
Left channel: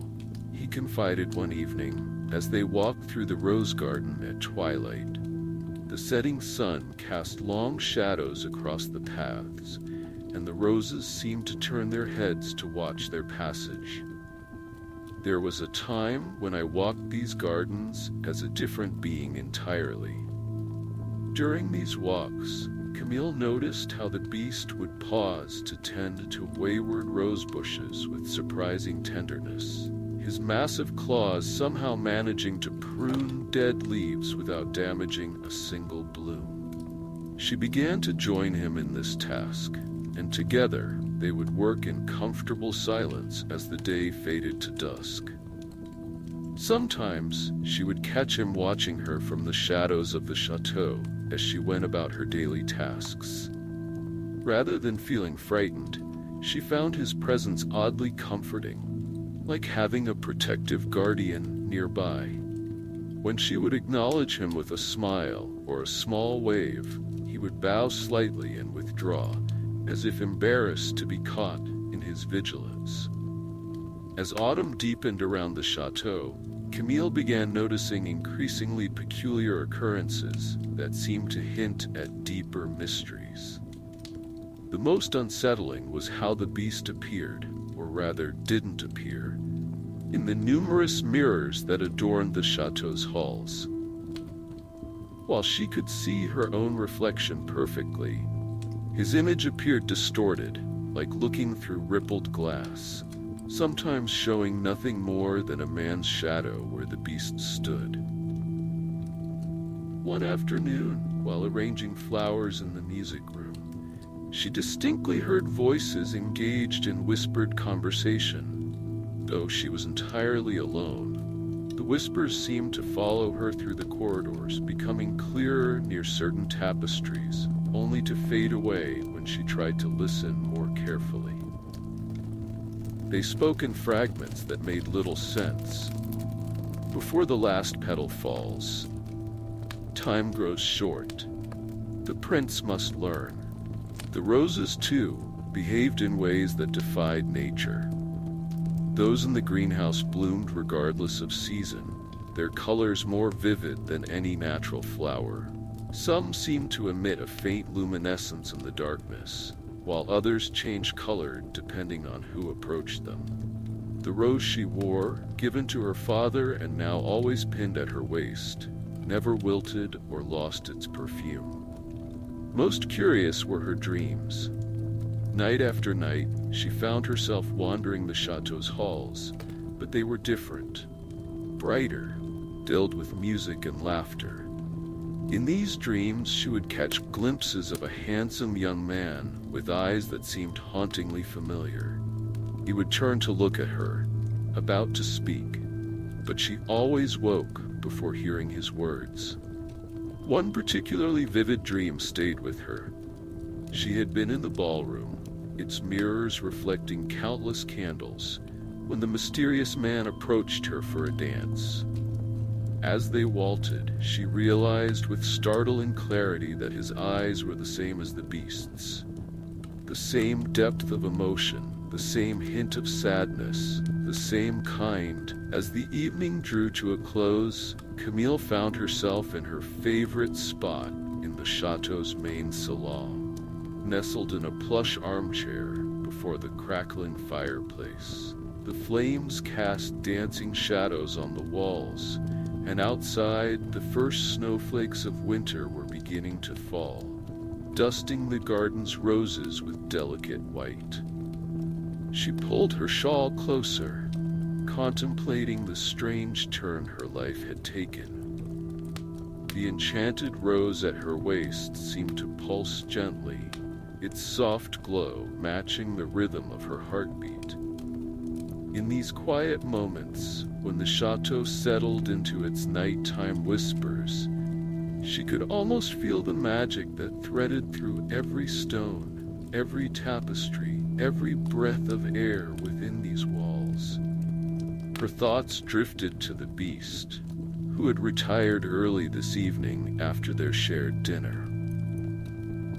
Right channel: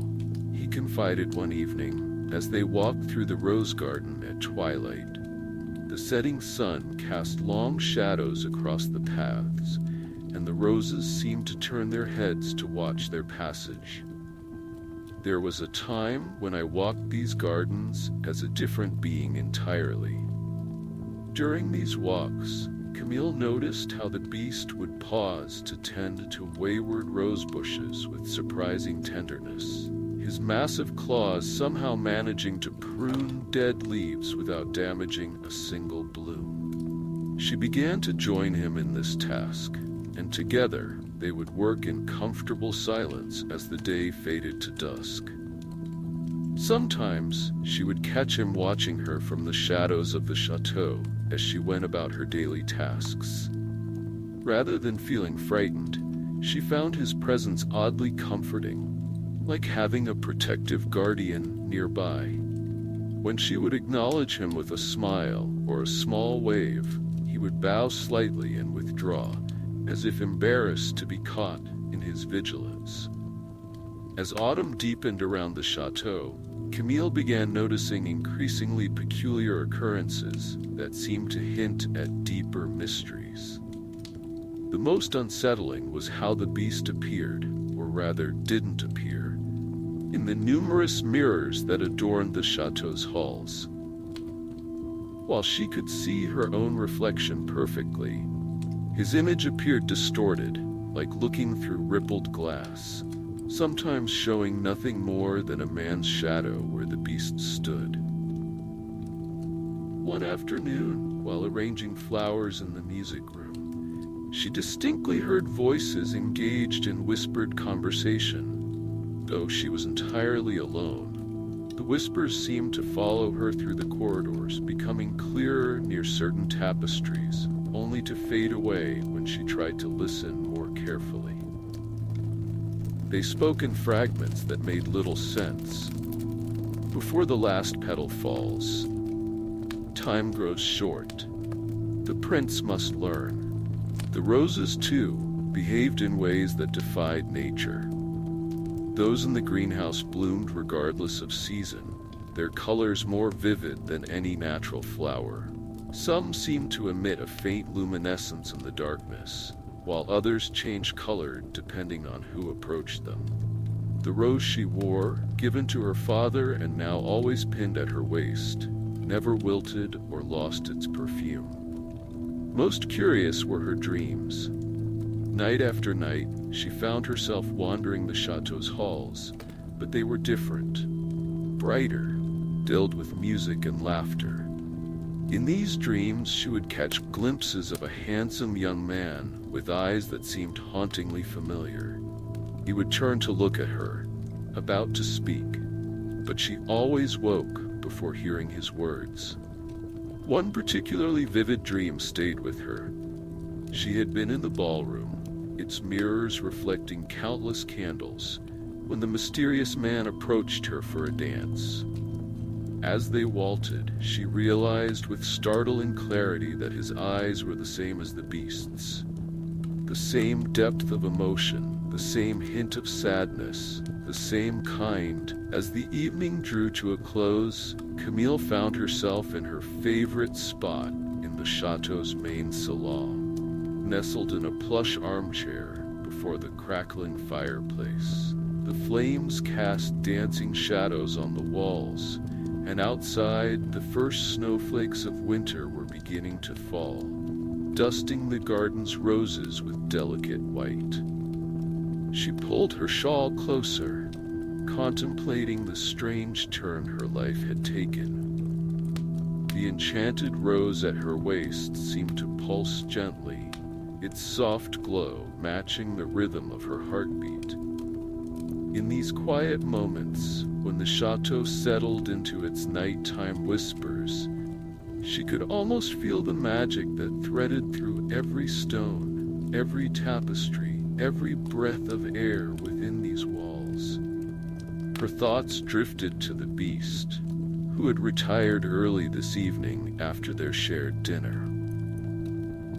he confided one evening as they walked through the rose garden at twilight. The setting sun cast long shadows across the paths, and the roses seemed to turn their heads to watch their passage. "There was a time when I walked these gardens as a different being entirely." During these walks, Camille noticed how the beast would pause to tend to wayward rose bushes with surprising tenderness, his massive claws somehow managing to prune dead leaves without damaging a single bloom. She began to join him in this task, and together they would work in comfortable silence as the day faded to dusk. Sometimes she would catch him watching her from the shadows of the chateau as she went about her daily tasks. Rather than feeling frightened, she found his presence oddly comforting, like having a protective guardian nearby. When she would acknowledge him with a smile or a small wave, he would bow slightly and withdraw, as if embarrassed to be caught in his vigilance. As autumn deepened around the chateau, Camille began noticing increasingly peculiar occurrences that seemed to hint at deeper mysteries. The most unsettling was how the beast appeared, or rather didn't appear, in the numerous mirrors that adorned the chateau's halls. While she could see her own reflection perfectly, his image appeared distorted, like looking through rippled glass, sometimes showing nothing more than a man's shadow where the beast stood. One afternoon, while arranging flowers in the music room, she distinctly heard voices engaged in whispered conversation. Though she was entirely alone, the whispers seemed to follow her through the corridors, becoming clearer near certain tapestries, only to fade away when she tried to listen more carefully. They spoke in fragments that made little sense. "Before the last petal falls, time grows short. The prince must learn." The roses, too, behaved in ways that defied nature. Those in the greenhouse bloomed regardless of season, their colors more vivid than any natural flower. Some seemed to emit a faint luminescence in the darkness, while others changed color depending on who approached them. The rose she wore, given to her father and now always pinned at her waist, never wilted or lost its perfume. Most curious were her dreams. Night after night, she found herself wandering the chateau's halls, but they were different, brighter, filled with music and laughter. In these dreams, she would catch glimpses of a handsome young man with eyes that seemed hauntingly familiar. He would turn to look at her, about to speak, but she always woke before hearing his words. One particularly vivid dream stayed with her. She had been in the ballroom, its mirrors reflecting countless candles, when the mysterious man approached her for a dance. As they waltzed, she realized with startling clarity that his eyes were the same as the beast's. The same depth of emotion, the same hint of sadness, the same kind. As the evening drew to a close, Camille found herself in her favorite spot in the chateau's main salon, nestled in a plush armchair before the crackling fireplace. The flames cast dancing shadows on the walls, and outside, the first snowflakes of winter were beginning to fall, dusting the garden's roses with delicate white. She pulled her shawl closer, contemplating the strange turn her life had taken. The enchanted rose at her waist seemed to pulse gently, its soft glow matching the rhythm of her heartbeat. In these quiet moments, when the chateau settled into its nighttime whispers, she could almost feel the magic that threaded through every stone, every tapestry, every breath of air within these walls. Her thoughts drifted to the beast, who had retired early this evening after their shared dinner.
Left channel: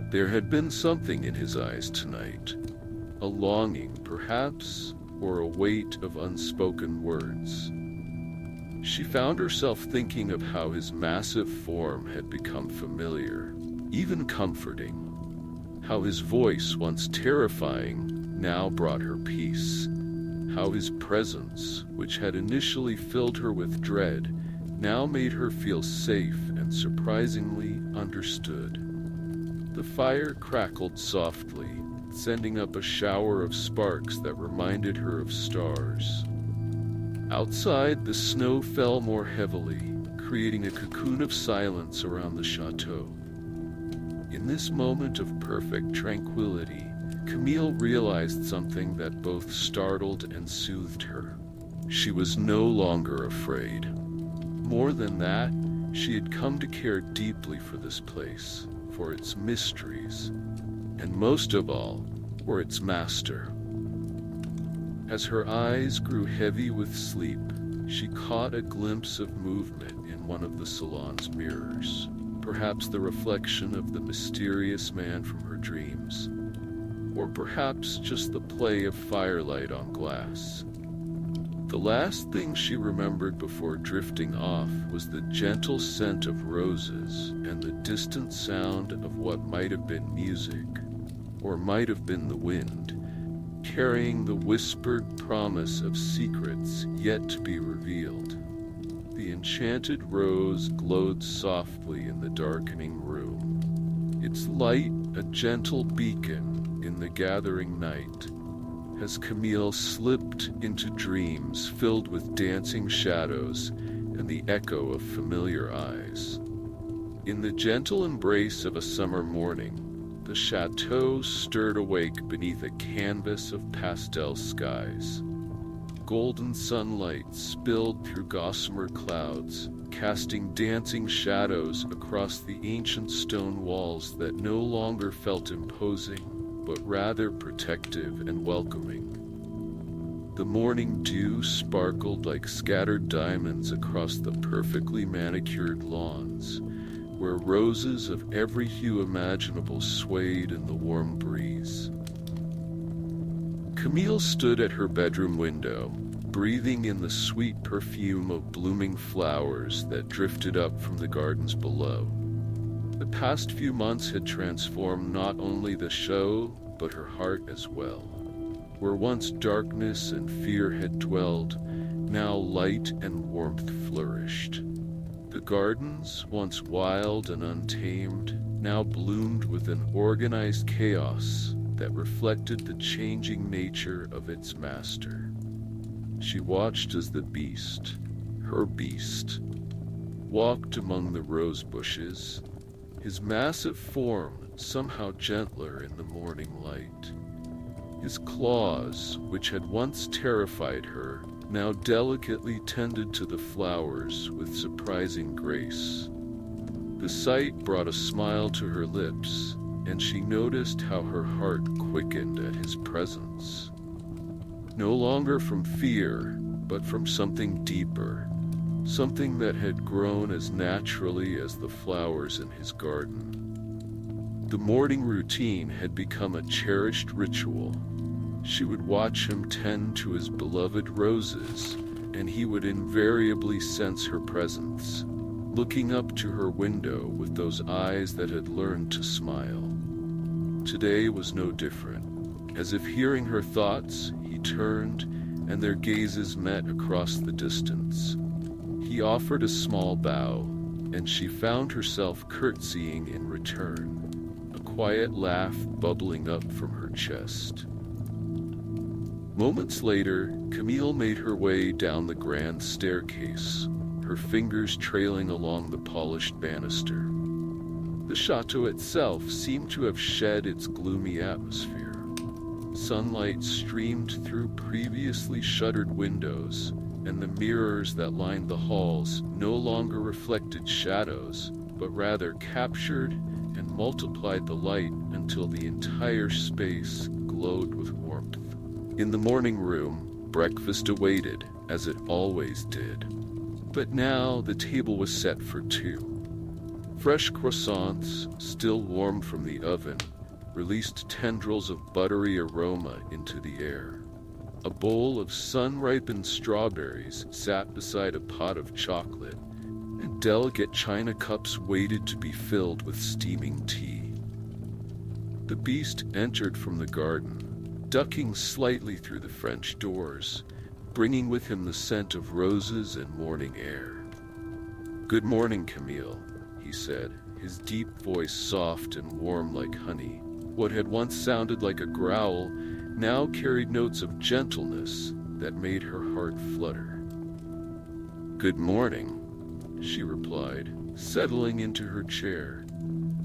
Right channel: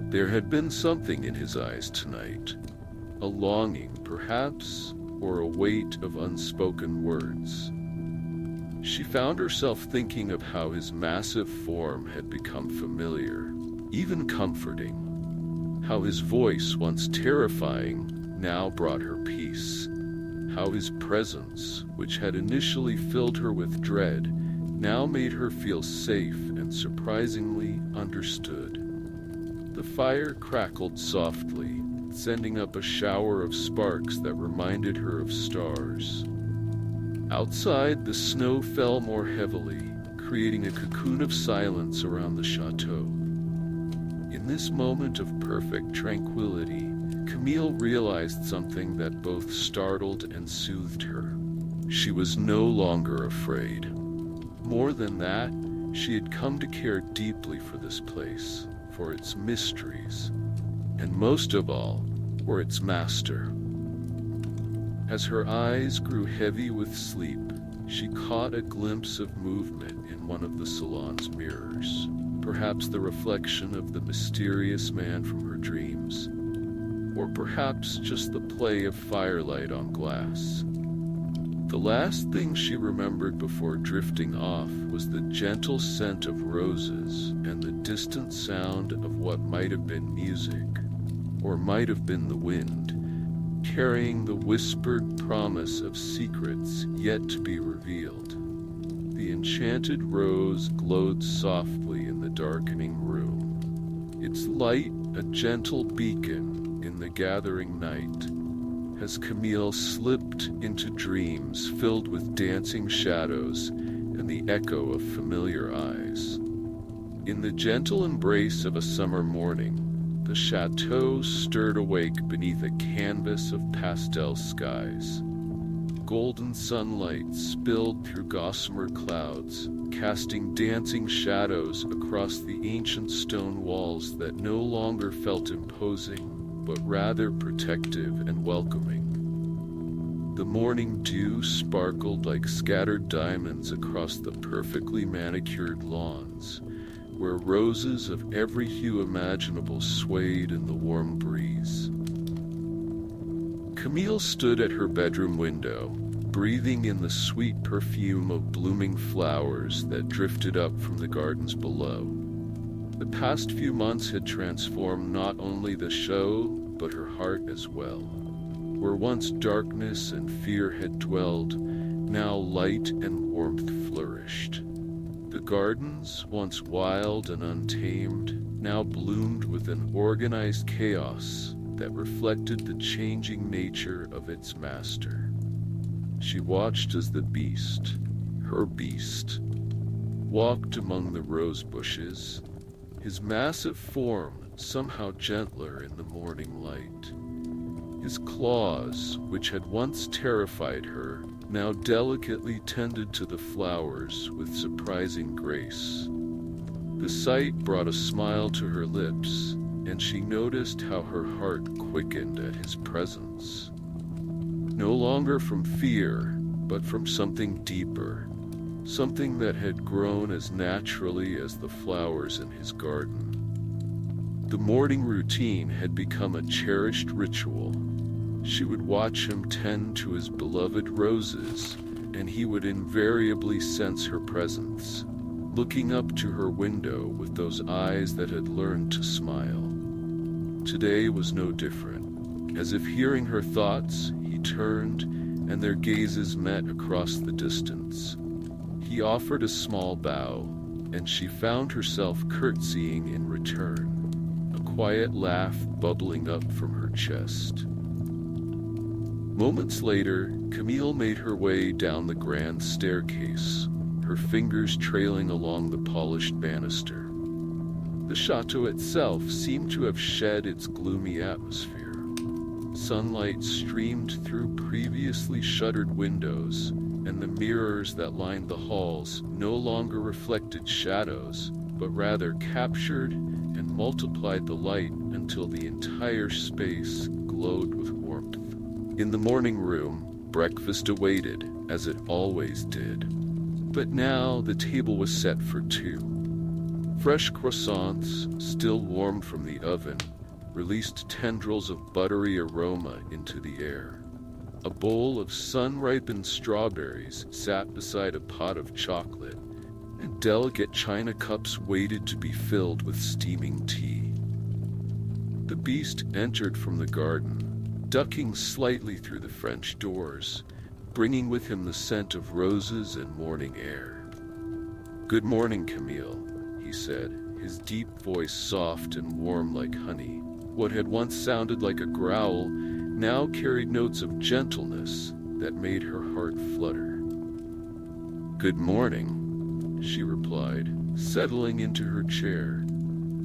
There had been something in his eyes tonight, a longing, perhaps, or a weight of unspoken words. She found herself thinking of how his massive form had become familiar, even comforting. How his voice, once terrifying, now brought her peace. How his presence, which had initially filled her with dread, now made her feel safe and surprisingly understood. The fire crackled softly, sending up a shower of sparks that reminded her of stars. Outside, the snow fell more heavily, creating a cocoon of silence around the chateau. In this moment of perfect tranquility, Camille realized something that both startled and soothed her. She was no longer afraid. More than that, she had come to care deeply for this place, for its mysteries, and most of all, for its master. As her eyes grew heavy with sleep, she caught a glimpse of movement in one of the salon's mirrors, perhaps the reflection of the mysterious man from her dreams, or perhaps just the play of firelight on glass. The last thing she remembered before drifting off was the gentle scent of roses and the distant sound of what might have been music, or might have been the wind, carrying the whispered promise of secrets yet to be revealed. The enchanted rose glowed softly in the darkening room, its light a gentle beacon in the gathering night, as Camille slipped into dreams filled with dancing shadows and the echo of familiar eyes. In the gentle embrace of a summer morning, the chateau stirred awake beneath a canvas of pastel skies. Golden sunlight spilled through gossamer clouds, casting dancing shadows across the ancient stone walls that no longer felt imposing, but rather protective and welcoming. The morning dew sparkled like scattered diamonds across the perfectly manicured lawns, where roses of every hue imaginable swayed in the warm breeze. Camille stood at her bedroom window, breathing in the sweet perfume of blooming flowers that drifted up from the gardens below. The past few months had transformed not only the show, but her heart as well. Where once darkness and fear had dwelled, now light and warmth flourished. The gardens, once wild and untamed, now bloomed with an organized chaos that reflected the changing nature of its master. She watched as the beast, her beast, walked among the rose bushes, his massive form somehow gentler in the morning light. His claws, which had once terrified her, now delicately tended to the flowers with surprising grace. The sight brought a smile to her lips, and she noticed how her heart quickened at his presence. No longer from fear, but from something deeper, something that had grown as naturally as the flowers in his garden. The morning routine had become a cherished ritual. She would watch him tend to his beloved roses, and he would invariably sense her presence, looking up to her window with those eyes that had learned to smile. Today was no different. As if hearing her thoughts, he turned, and their gazes met across the distance. He offered a small bow, and she found herself curtsying in return, a quiet laugh bubbling up from her chest. Moments later, Camille made her way down the grand staircase, her fingers trailing along the polished banister. The chateau itself seemed to have shed its gloomy atmosphere. Sunlight streamed through previously shuttered windows, and the mirrors that lined the halls no longer reflected shadows, but rather captured and multiplied the light until the entire space glowed with warmth. In the morning room, breakfast awaited, as it always did. But now the table was set for two. Fresh croissants, still warm from the oven, released tendrils of buttery aroma into the air. A bowl of sun-ripened strawberries sat beside a pot of chocolate, and delicate china cups waited to be filled with steaming tea. The beast entered from the garden, ducking slightly through the French doors, bringing with him the scent of roses and morning air. "Good morning, Camille," he said, his deep voice soft and warm like honey. What had once sounded like a growl now carried notes of gentleness that made her heart flutter. "Good morning," she replied, settling into her chair,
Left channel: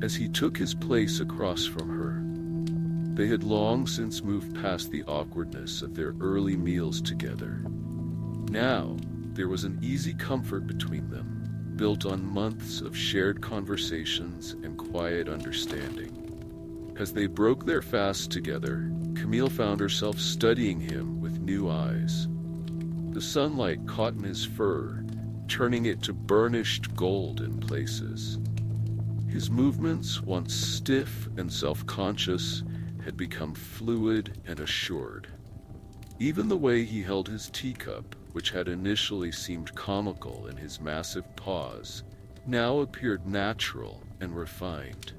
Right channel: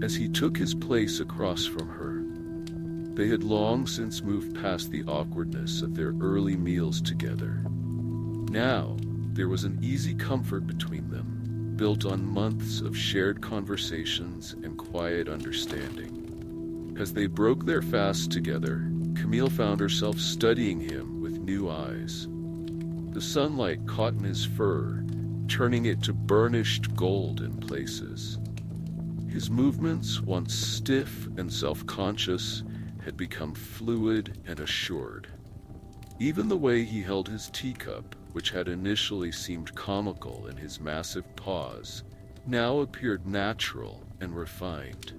as he took his place across from her. They had long since moved past the awkwardness of their early meals together. Now, there was an easy comfort between them, built on months of shared conversations and quiet understanding. As they broke their fast together, Camille found herself studying him with new eyes. The sunlight caught in his fur, turning it to burnished gold in places. His movements, once stiff and self-conscious, had become fluid and assured. Even the way he held his teacup, which had initially seemed comical in his massive paws, now appeared natural and refined.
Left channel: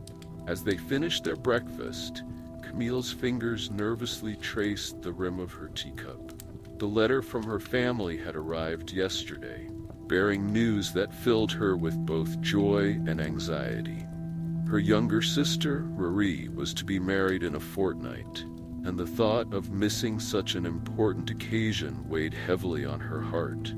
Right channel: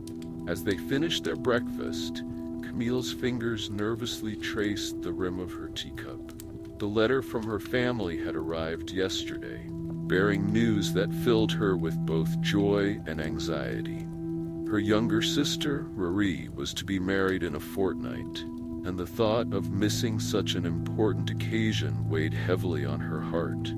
As they finished their breakfast, Camille's fingers nervously traced the rim of her teacup. The letter from her family had arrived yesterday, bearing news that filled her with both joy and anxiety. Her younger sister, Rory, was to be married in a fortnight, and the thought of missing such an important occasion weighed heavily on her heart.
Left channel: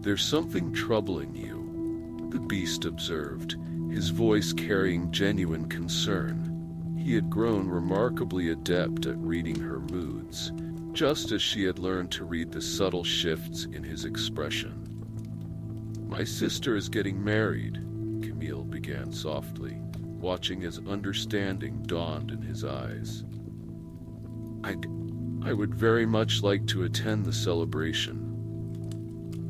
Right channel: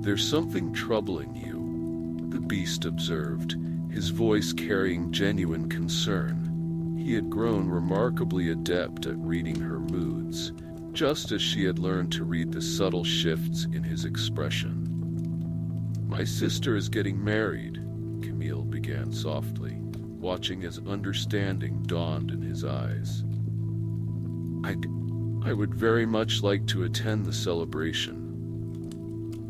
"There's something troubling you," the beast observed, his voice carrying genuine concern. He had grown remarkably adept at reading her moods, just as she had learned to read the subtle shifts in his expression. "My sister is getting married," Camille began softly, watching as understanding dawned in his eyes. I would very much like to attend the celebration."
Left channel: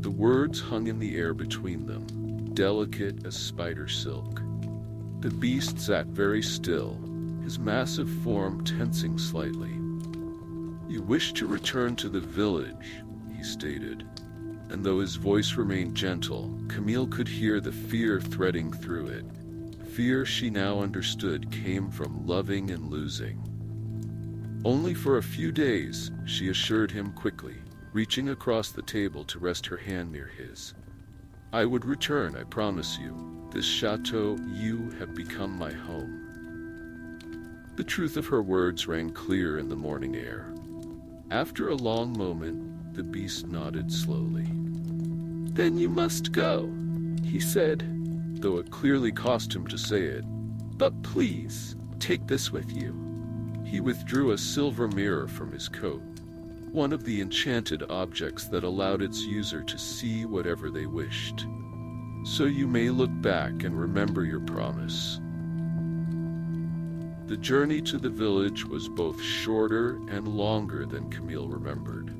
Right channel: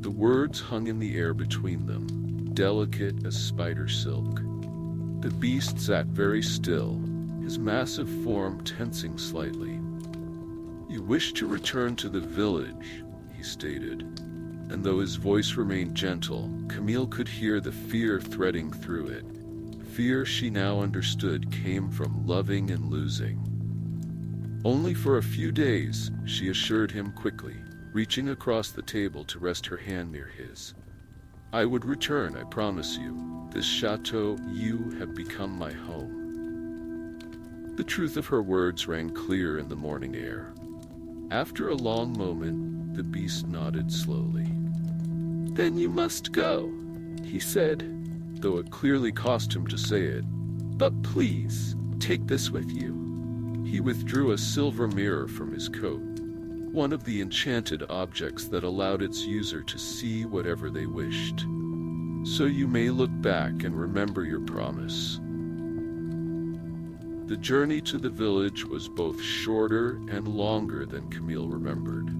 The words hung in the air between them, delicate as spider silk. The beast sat very still, his massive form tensing slightly. "You wish to return to the village," he stated. And though his voice remained gentle, Camille could hear the fear threading through it. Fear she now understood came from loving and losing. "Only for a few days," she assured him quickly, reaching across the table to rest her hand near his. "I would return, I promise you. This chateau, you have become my home." The truth of her words rang clear in the morning air. After a long moment, the beast nodded slowly. "Then you must go," he said, though it clearly cost him to say it. "But please, take this with you." He withdrew a silver mirror from his coat, one of the enchanted objects that allowed its user to see whatever they wished. "So you may look back and remember your promise." The journey to the village was both shorter and longer than Camille remembered.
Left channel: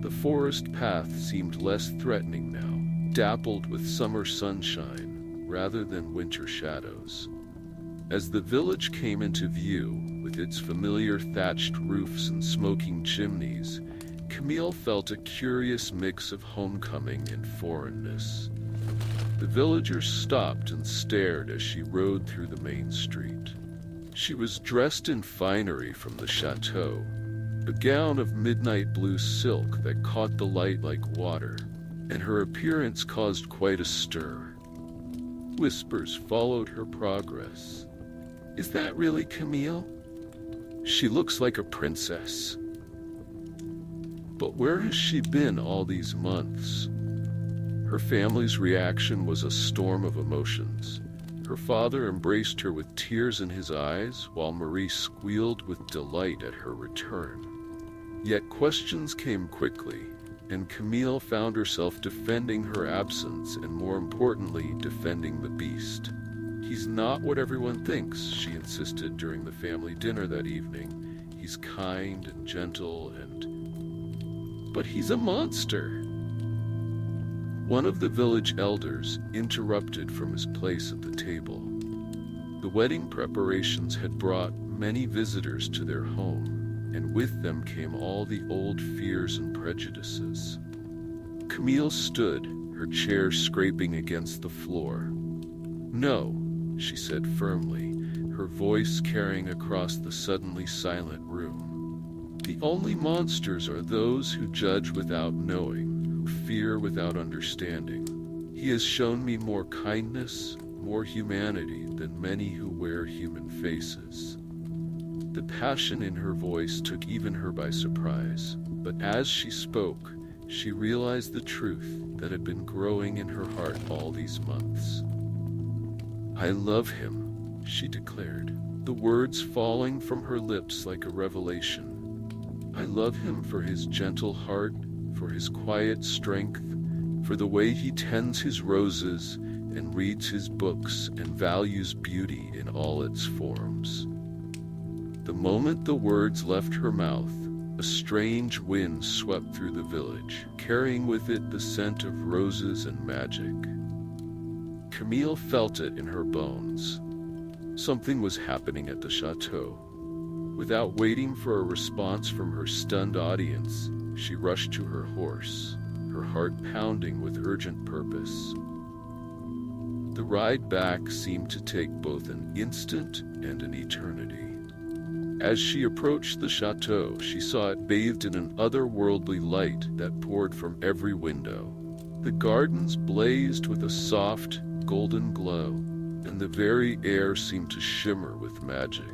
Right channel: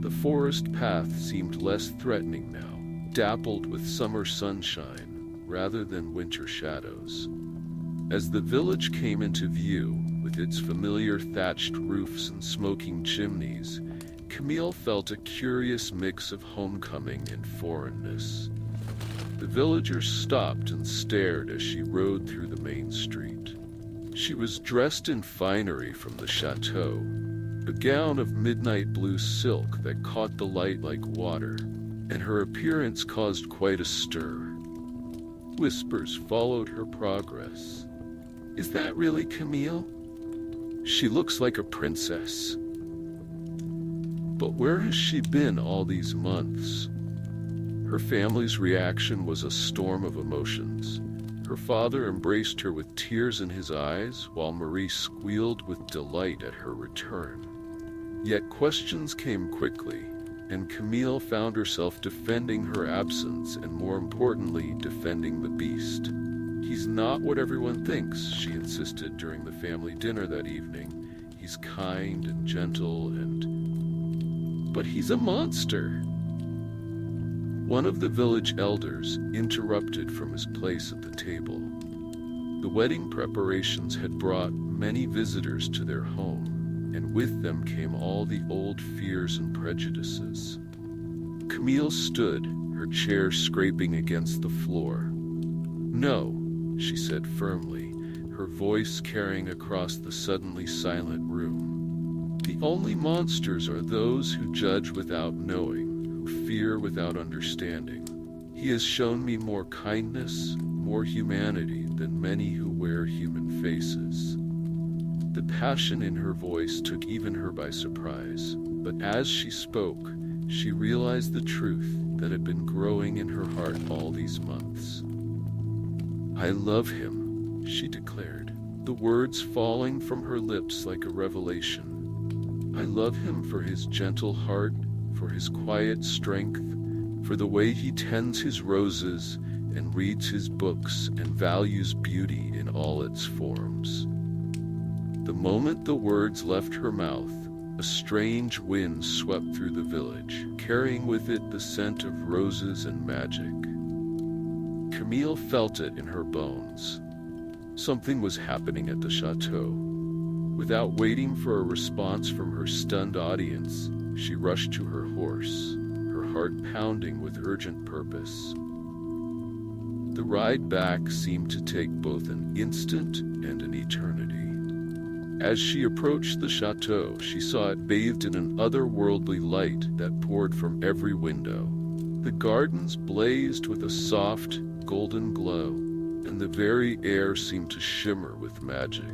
The forest path seemed less threatening now, dappled with summer sunshine rather than winter shadows. As the village came into view, with its familiar thatched roofs and smoking chimneys, Camille felt a curious mix of homecoming and foreignness. The villagers stopped and stared as she rode through the main street. She was dressed in finery from the chateau, a gown of midnight blue silk that caught the light like water, and her appearance caused quite a stir. Whispers followed her progress. "Is that really Camille? She looks like a princess." But where has she been all these months? Her family's reaction was a storm of emotions. Her father embraced her with tears in his eyes, while Marie squealed with delight at her return. Yet questions came quickly, and Camille found herself defending her absence and, more importantly, defending the beast. "He's not what everyone thinks," she insisted during the family dinner that evening. "He's kind and gentle but he's a monster." One of the village elders interrupted from his place at the table. The wedding preparations had brought many visitors to their home, and with them came all the old fears and prejudices. Camille stood, her chair scraping against the floor. "No," she said firmly, her voice carrying across the suddenly silent room. "The only monsters are those who judge without knowing, who fear without understanding. He has shown me more kindness, more humanity than many who wear human faces." The passion in her voice took even her by surprise, but as she spoke, she realized the truth that had been growing in her heart all these months. "I love him," she declared, the words falling from her lips like a revelation. "I love him for his gentle heart, for his quiet strength, for the way he tends his roses and reads his books and values beauty in all its forms." The moment the words left her mouth, a strange wind swept through the village, carrying with it the scent of roses and magic. Camille felt it in her bones. Something was happening at the chateau. Without waiting for a response from her stunned audience, she rushed to her horse, her heart pounding with urgent purpose. The ride back seemed to take both an instant and an eternity. As she approached the chateau, she saw it bathed in an otherworldly light that poured from every window. The gardens blazed with a soft, golden glow, and the very air seemed to shimmer with magic.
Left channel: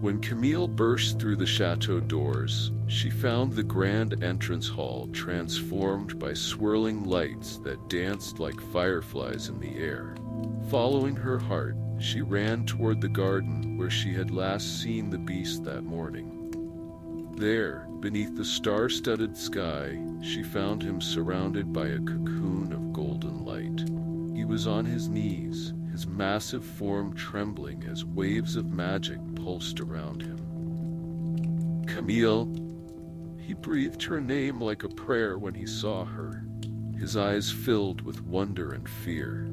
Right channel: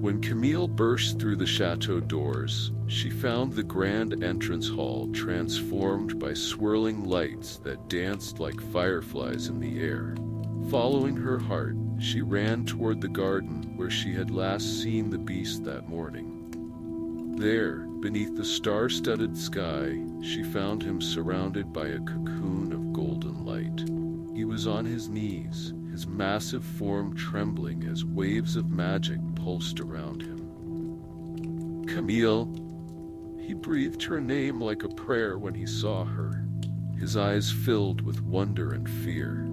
When Camille burst through the chateau doors, she found the grand entrance hall transformed by swirling lights that danced like fireflies in the air. Following her heart, she ran toward the garden where she had last seen the beast that morning. There, beneath the star-studded sky, she found him surrounded by a cocoon of golden light. He was on his knees, his massive form trembling as waves of magic pulsed around him. "Camille!" He breathed her name like a prayer when he saw her, his eyes filled with wonder and fear.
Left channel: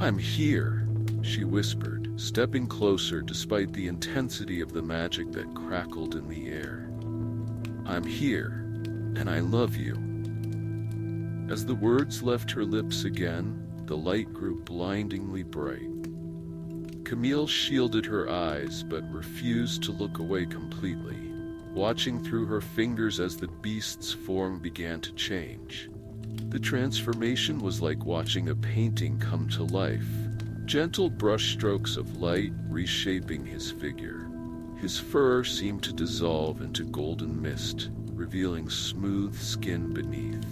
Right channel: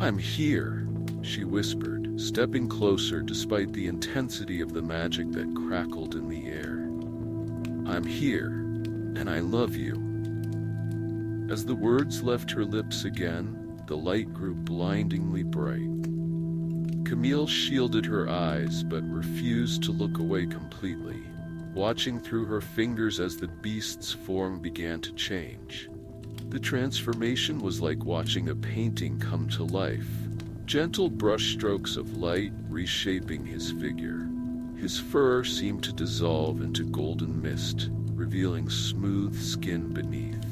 "I'm here," she whispered, stepping closer despite the intensity of the magic that crackled in the air. "I'm here, and I love you." As the words left her lips again, the light grew blindingly bright. Camille shielded her eyes but refused to look away completely, watching through her fingers as the beast's form began to change. The transformation was like watching a painting come to life, gentle brushstrokes of light reshaping his figure. His fur seemed to dissolve into golden mist, revealing smooth skin beneath.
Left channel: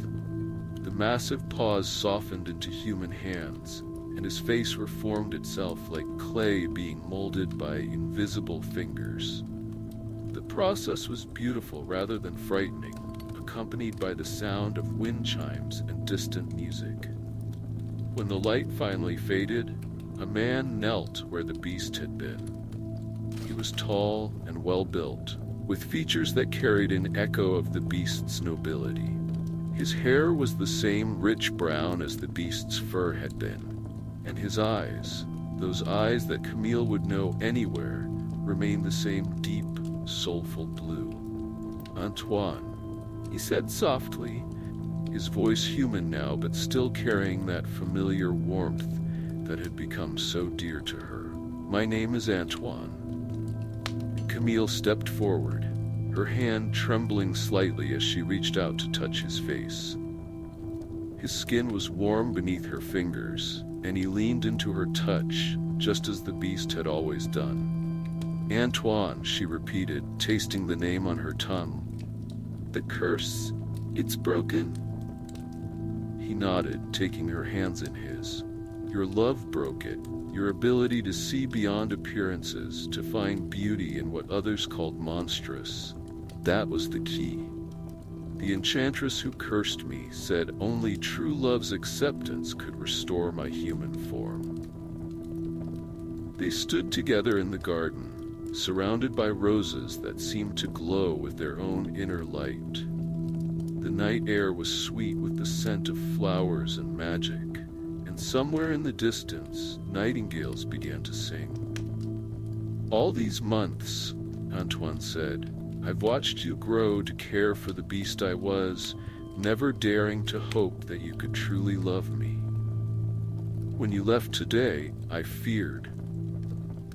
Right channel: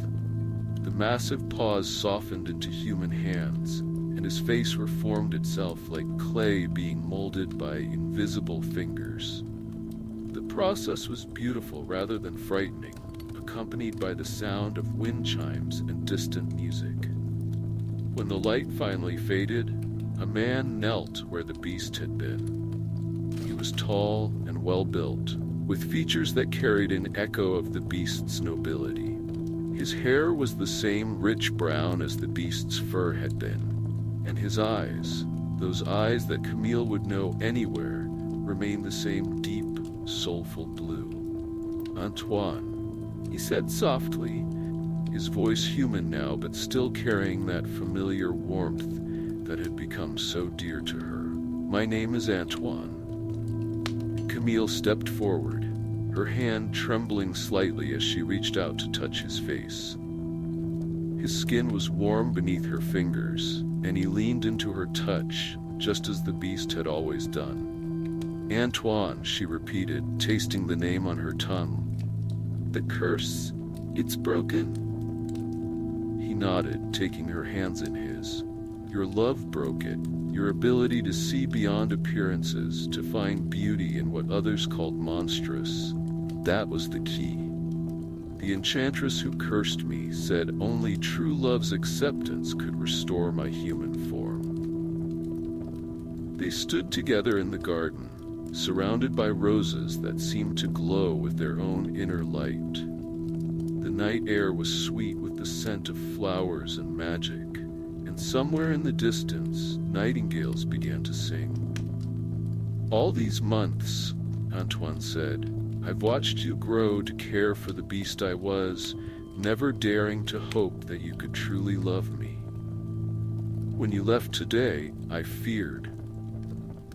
The massive paws softened into human hands, and his face reformed itself like clay being molded by invisible fingers. The process was beautiful rather than frightening, accompanied by the sound of wind chimes and distant music. When the light finally faded, a man knelt where the beast had been. He was tall and well-built, with features that carried an echo of the beast's nobility. His hair was the same rich brown as the beast's fur had been, and his eyes, those eyes that Camille would know anywhere, remained the same deep, soulful blue. "Antoine," he said softly, his voice human now but still carrying that familiar warmth that had become so dear to her. "My name is Antoine." Camille stepped forward, her hand trembling slightly as she reached out to touch his face. His skin was warm beneath her fingers, and he leaned into her touch, just as the beast had always done. "Antoine," she repeated, tasting the name on her tongue. The curse, it's broken." He nodded, taking her hands in his. "Your love broke it. Your ability to see beyond appearances, to find beauty in what others called monstrous. That was the key. The enchantress who cursed me said only true love's acceptance could restore my human form." They stood together in the garden, surrounded by roses that seemed to glow with their own inner light. The night air was sweet with the scent of flowers and magic, and somewhere in the distance, nightingales began to sing. "All these months," Antoine said, "I've watched you grow to care for the beast I was, never daring to hope that you could truly love me. When you left today, I feared.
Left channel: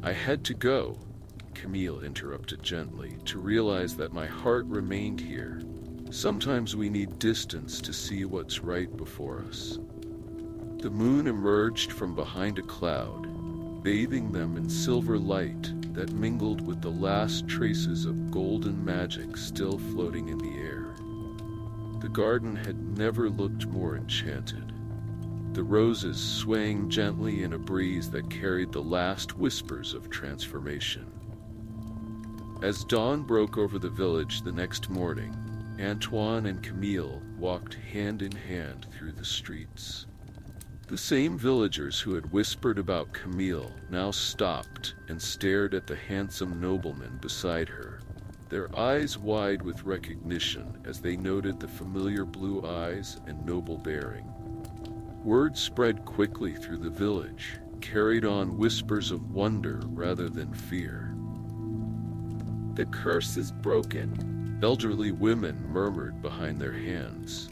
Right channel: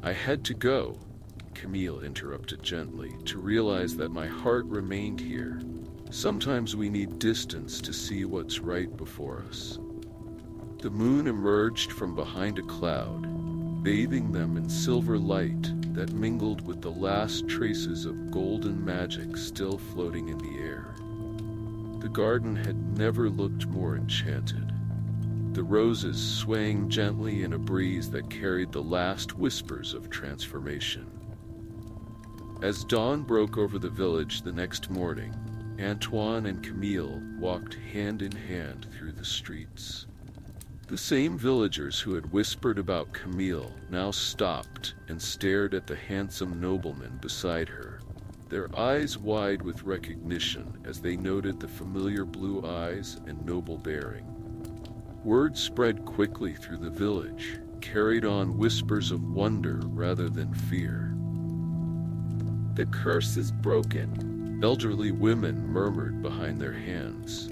I had to go," Camille interrupted gently, "to realize that my heart remained here. Sometimes we need distance to see what's right before us." The moon emerged from behind a cloud, bathing them in silver light that mingled with the last traces of golden magic still floating in the air. The garden had never looked more enchanted, the roses swaying gently in a breeze that carried the last whispers of transformation. As dawn broke over the village the next morning, Antoine and Camille walked hand in hand through the streets. The same villagers who had whispered about Camille now stopped and stared at the handsome nobleman beside her, their eyes wide with recognition as they noted the familiar blue eyes and noble bearing. Word spread quickly through the village, carried on whispers of wonder rather than fear. "The curse is broken," elderly women murmured behind their hands.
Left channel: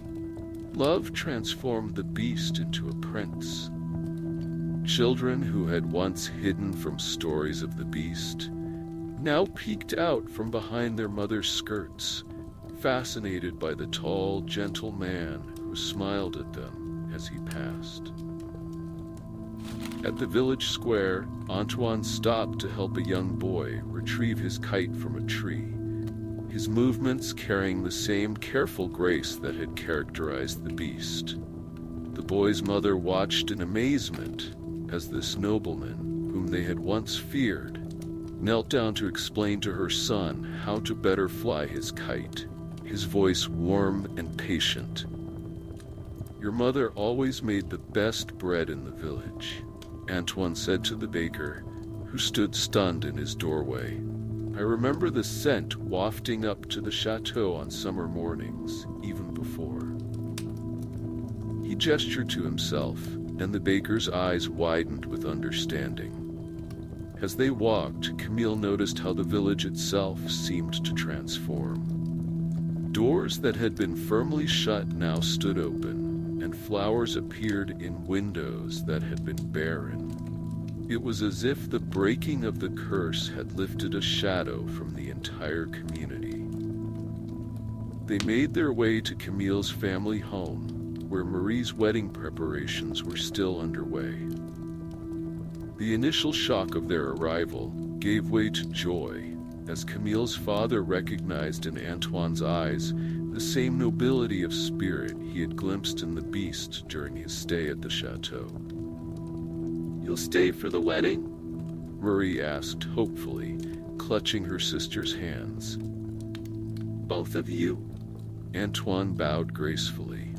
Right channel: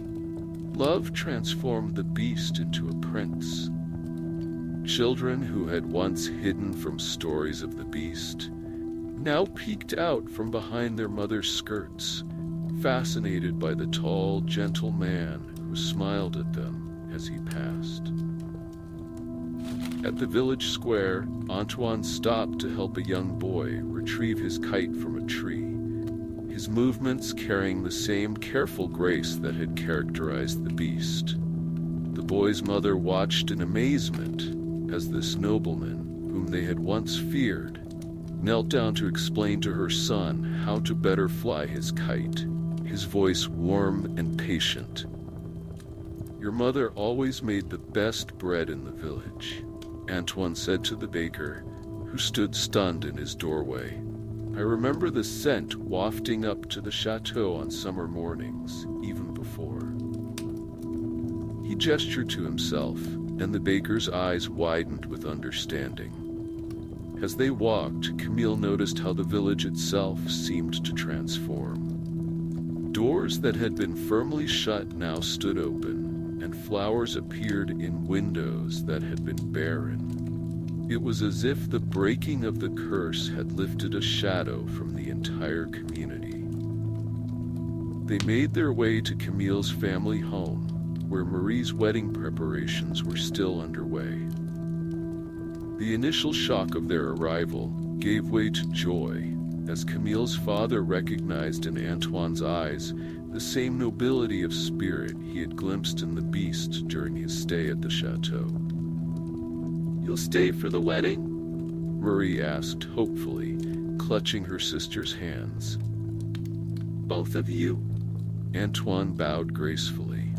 "Love transformed the beast into a prince." Children who had once hidden from stories of the beast now peeked out from behind their mother's skirts, fascinated by the tall, gentle man who smiled at them as he passed. At the village square, Antoine stopped to help a young boy retrieve his kite from a tree, his movements carrying the same careful grace that had characterized the beast. The boy's mother watched in amazement as this nobleman, whom they had once feared, knelt down to explain to her son how to better fly his kite, his voice warm and patient. "Your mother always made the best bread in the village," Antoine said to the baker, who stood stunned in his doorway. "I remember the scent wafting up to the chateau on summer mornings, even before." He gestured to himself, and the baker's eyes widened with understanding. As they walked, Camille noticed how the village itself seemed to transform. Doors that had been firmly shut now stood open, and flowers appeared in windows that had been barren. It was as if the breaking of the curse had lifted a shadow from the entire community. They made their way to Camille's family home, where Marie's wedding preparations were still underway. The initial shock of their arrival gave way to joy, as Camille's father recognized in Antoine's eyes the same nobility of spirit he had glimpsed in the beast during his stay at the chateau. "You'll stay for the wedding?" Marie asked hopefully, clutching her sister's hands. "Both of you?" Antoine bowed gracefully.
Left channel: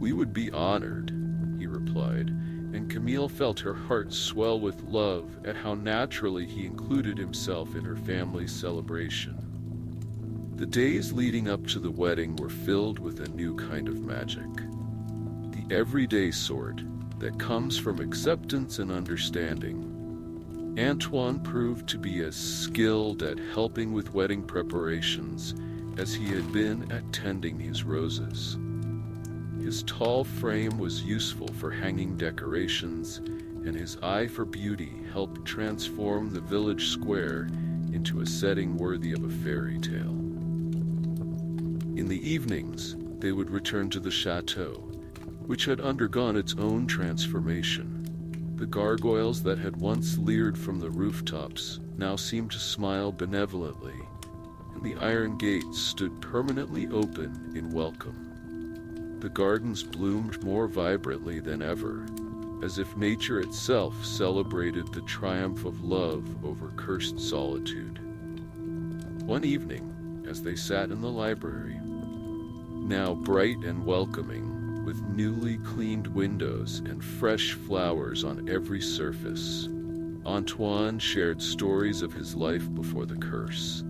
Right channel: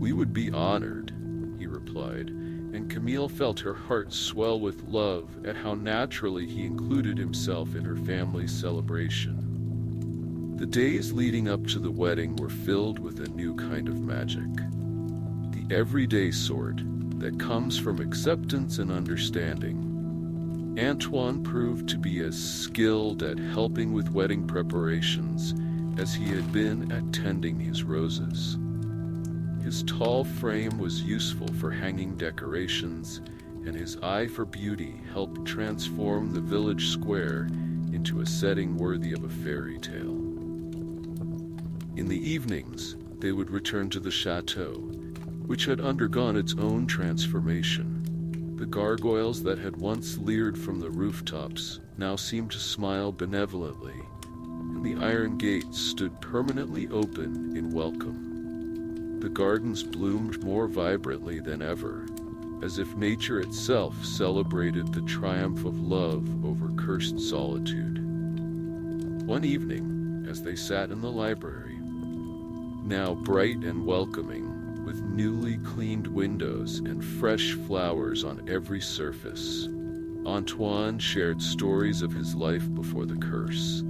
"We would be honored," he replied, and Camille felt her heart swell with love at how naturally he included himself in her family's celebration. The days leading up to the wedding were filled with a new kind of magic. The everyday sort that comes from acceptance and understanding. Antoine proved to be as skilled at helping with wedding preparations as he had been at tending his roses. His tall frame was useful for hanging decorations, and his eye for beauty helped transform the village square into a setting worthy of a fairy tale. In the evenings, they would return to the chateau, which had undergone its own transformation. The gargoyles that had once leered from the rooftops now seemed to smile benevolently, and the iron gates stood permanently open in welcome. The gardens bloomed more vibrantly than ever, as if nature itself celebrated the triumph of love over cursed solitude. One evening, as they sat in the library, now bright and welcoming, with newly cleaned windows and fresh flowers on every surface, Antoine shared stories of his life before the curse.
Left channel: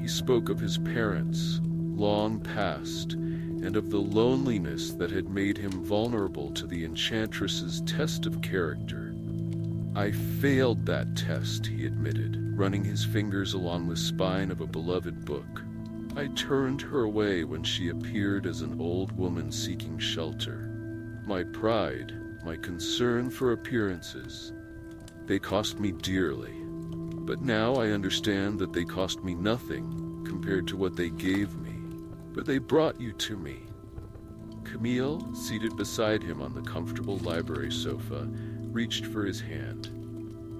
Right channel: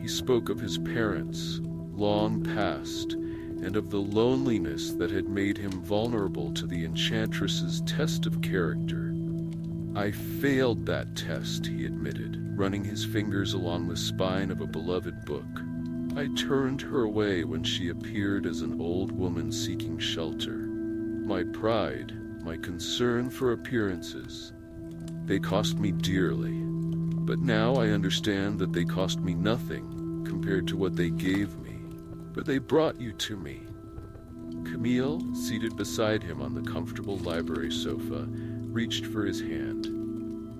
He spoke of his parents, long past, and of the loneliness that had made him vulnerable to the enchantress's test of character. "I failed that test," he admitted, running his fingers along the spine of a beloved book. "I turned her away when she appeared as an old woman seeking shelter. My pride, my concern for appearances, they cost me dearly. But now I understand that they cost me nothing compared to what they gave me. But they brought you to me." Camille, seated beside him on the comfortable library sofa, reached for his hand.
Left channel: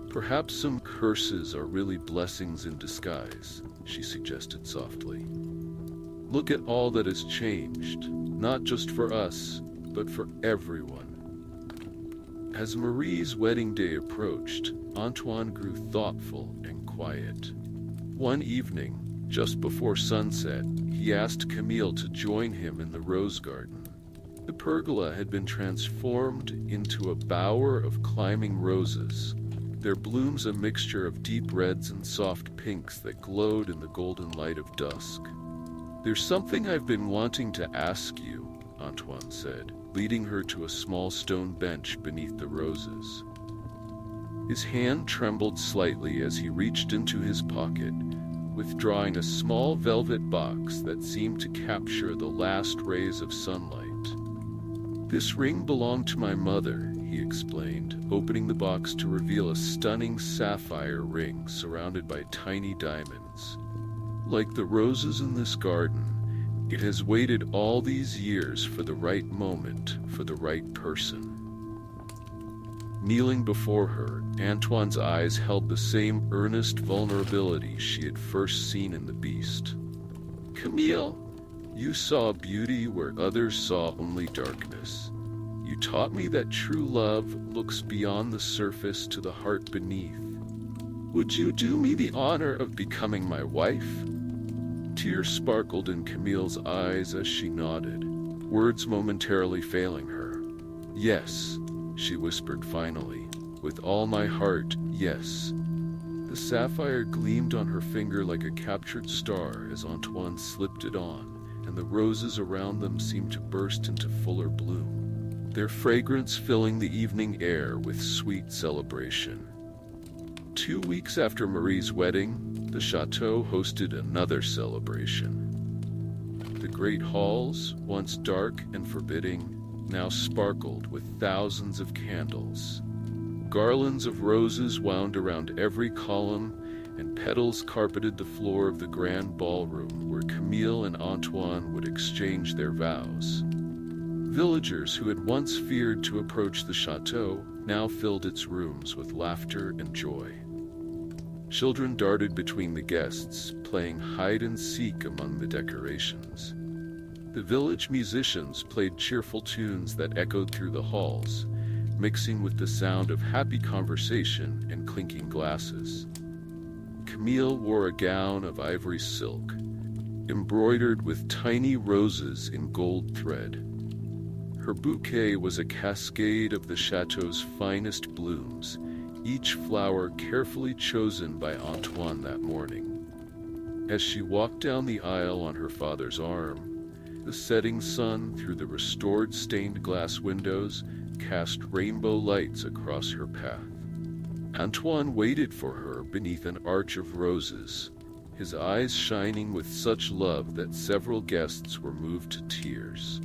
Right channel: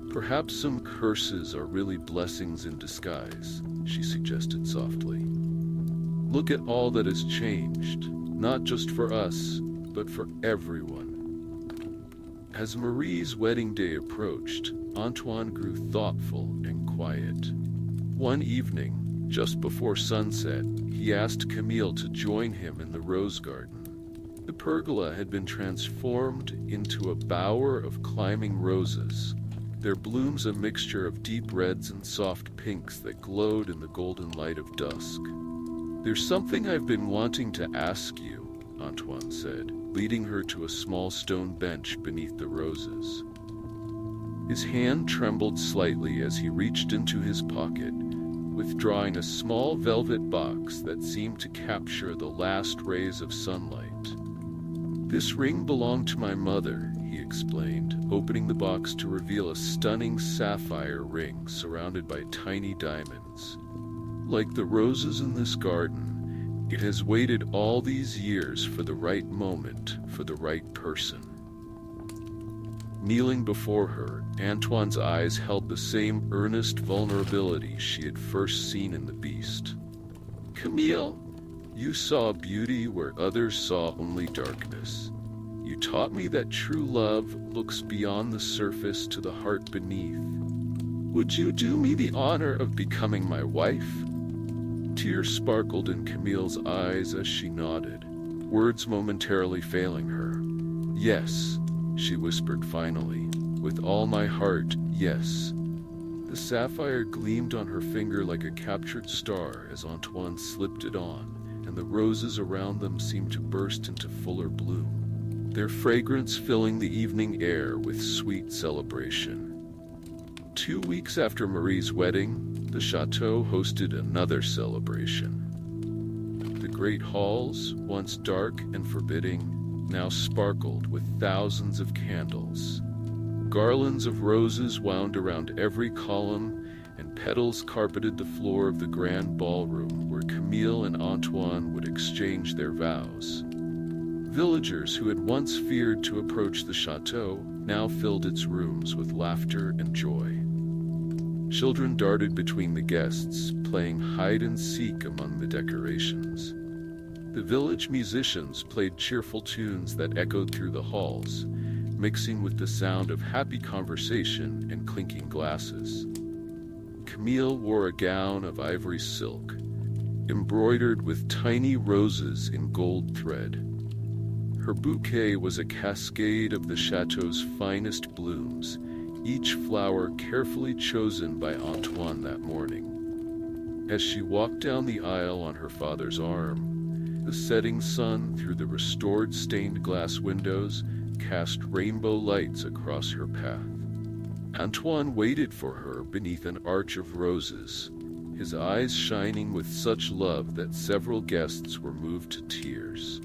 "Perhaps some curses are really blessings in disguise," she suggested softly. "Look at all that has changed, not just for us, but for everyone." As Marie's wedding day approached, Antoine grew thoughtful and quiet. One evening, just before sunset, he asked Camille to join him in the rose garden. The pergola had been transformed into a bower of climbing roses, their blooms a mixture of deep reds and soft pinks that glowed in the golden light of dusk. "There's something I've been wanting to ask you," Antoine said, leading her to a small stone bench beneath the roses. His hand trembled slightly as he reached into his pocket, withdrawing a small velvet box that seemed to capture the last rays of sunlight. "This ring belonged to my mother," he explained, opening the box to reveal a stunning sapphire ring surrounded by tiny diamonds. "Like the roses in this garden, it has waited all these years for the right moment, for the right person." Kneeling before her, Antoine's eyes held the same earnest vulnerability she had first seen in the beast. "Camille, you saw beauty where others saw only darkness. You taught me that true love looks beyond the surface to the heart beneath. Would you do me the honor of becoming my wife?" Tears sparkled in Camille's eyes as she nodded, words momentarily failing her. "Yes," she whispered finally, "with all my heart, yes." The sapphire gleamed on her finger like a captured star as Antoine slipped it on, and the roses around them seemed to burst into fuller bloom, their fragrance filling the evening air with sweet celebration. 2 weeks after Marie's wedding, the Chateau hosted another celebration. The great halls, once dark and forbidding, now sparkled with thousands of candles. Garlands of roses wound around every column, and petals carpeted the floor of the grand ballroom where Camille and Antoine would exchange their vows. Villagers who had once feared to approach the chateau now filled its rooms with laughter and joy. Children darted between the guests, playing hide-and-seek among the decorations. The village musicians played cheerful tunes that echoed through the halls, mixing with the sound of happy conversation and clinking glasses. Camille wore a gown of ivory silk, embroidered with tiny roses in gold thread. Her bouquet was a cascade of the chateau's finest blooms, each flower carefully chosen by Antoine that morning. As she walked down the aisle on her father's arm, the setting sun through the restored stained glass windows cast rainbow lights across her path. Antoine waited for her beneath an arch of roses, his eyes shining with such love that several guests were moved to tears.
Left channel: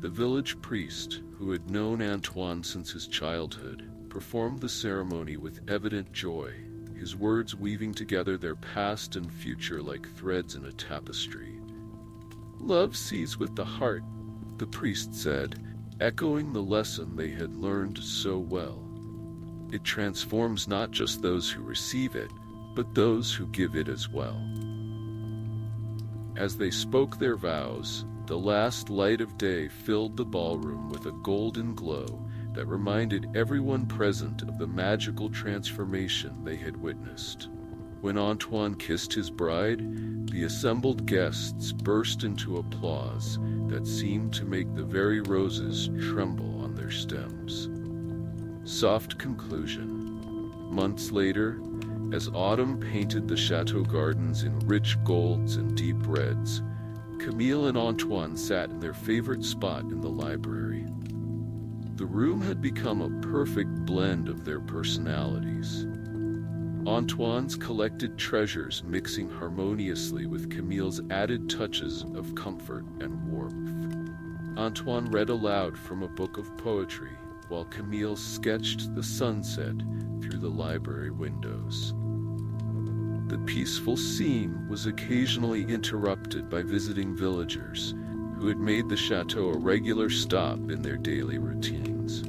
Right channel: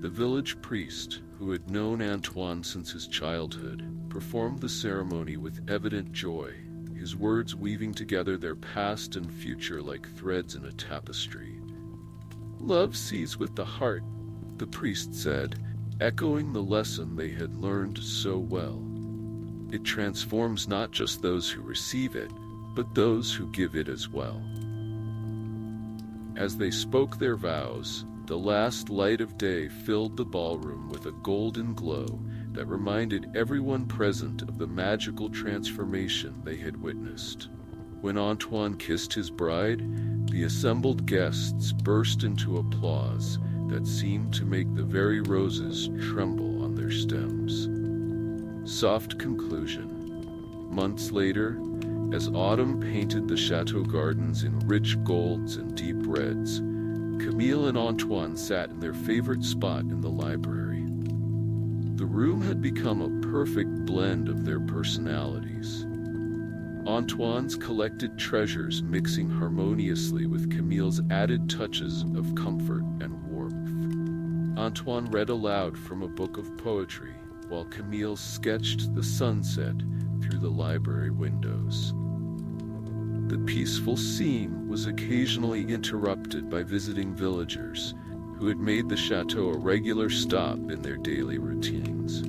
The village priest, who had known Antoine since his childhood, performed the ceremony with evident joy, his words weaving together their past and future like threads in a tapestry. "Love sees with the heart," the priest said, echoing the lesson they had learned so well. "It transforms not just those who receive it, but those who give it as well." As they spoke their vows, the last light of day filled the ballroom with a golden glow that reminded everyone present of the magical transformation they had witnessed. When Antoine kissed his bride, the assembled guests burst into applause that seemed to make the very roses tremble on their stems. Soft conclusion. Months later, as autumn painted the chateau gardens in rich golds and deep reds, Camille and Antoine sat in their favorite spot in the library. The room had become a perfect blend of their personalities. Antoine's collected treasures mixing harmoniously with Camille's added touches of comfort and warmth. Antoine read aloud from a book of poetry, while Camille sketched the sunset through the library windows. The peaceful scene was occasionally interrupted by visiting villagers who had made the chateau a regular stop in their daily routines.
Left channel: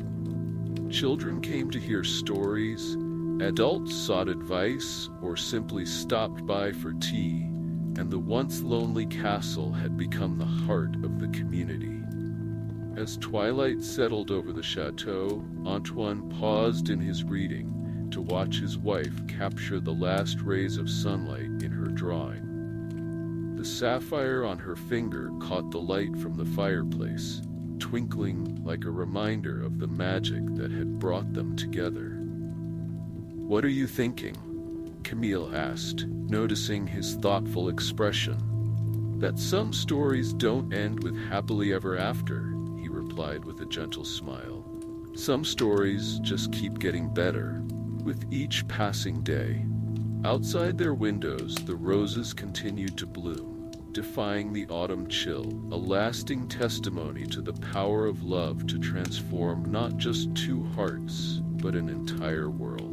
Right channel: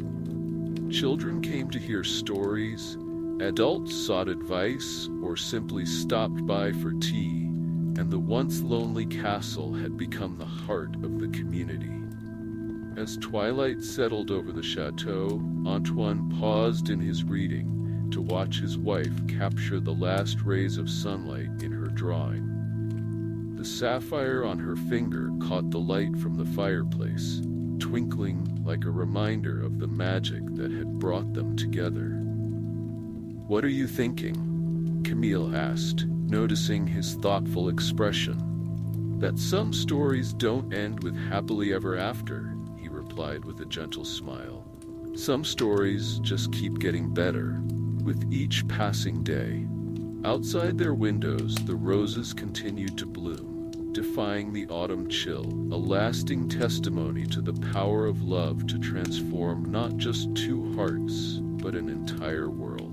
Children came to hear stories, adults sought advice, or simply stopped by for tea, and the once lonely castle had become the heart of the community. As twilight settled over the chateau, Antoine paused in his reading to watch his wife capture the last rays of sunlight in her drawing. The sapphire on her finger caught the light from the fireplace, twinkling like a reminder of the magic that had brought them together. "What are you thinking?" Camille asked, noticing his thoughtful expression. "That some stories don't end with happily ever after," he replied with a gentle smile. "Some stories just keep getting better with each passing day." Outside their windows, the roses continued to bloom, defying the autumn chill, a lasting testimony to the power of love to transform not just two hearts, but an entire world.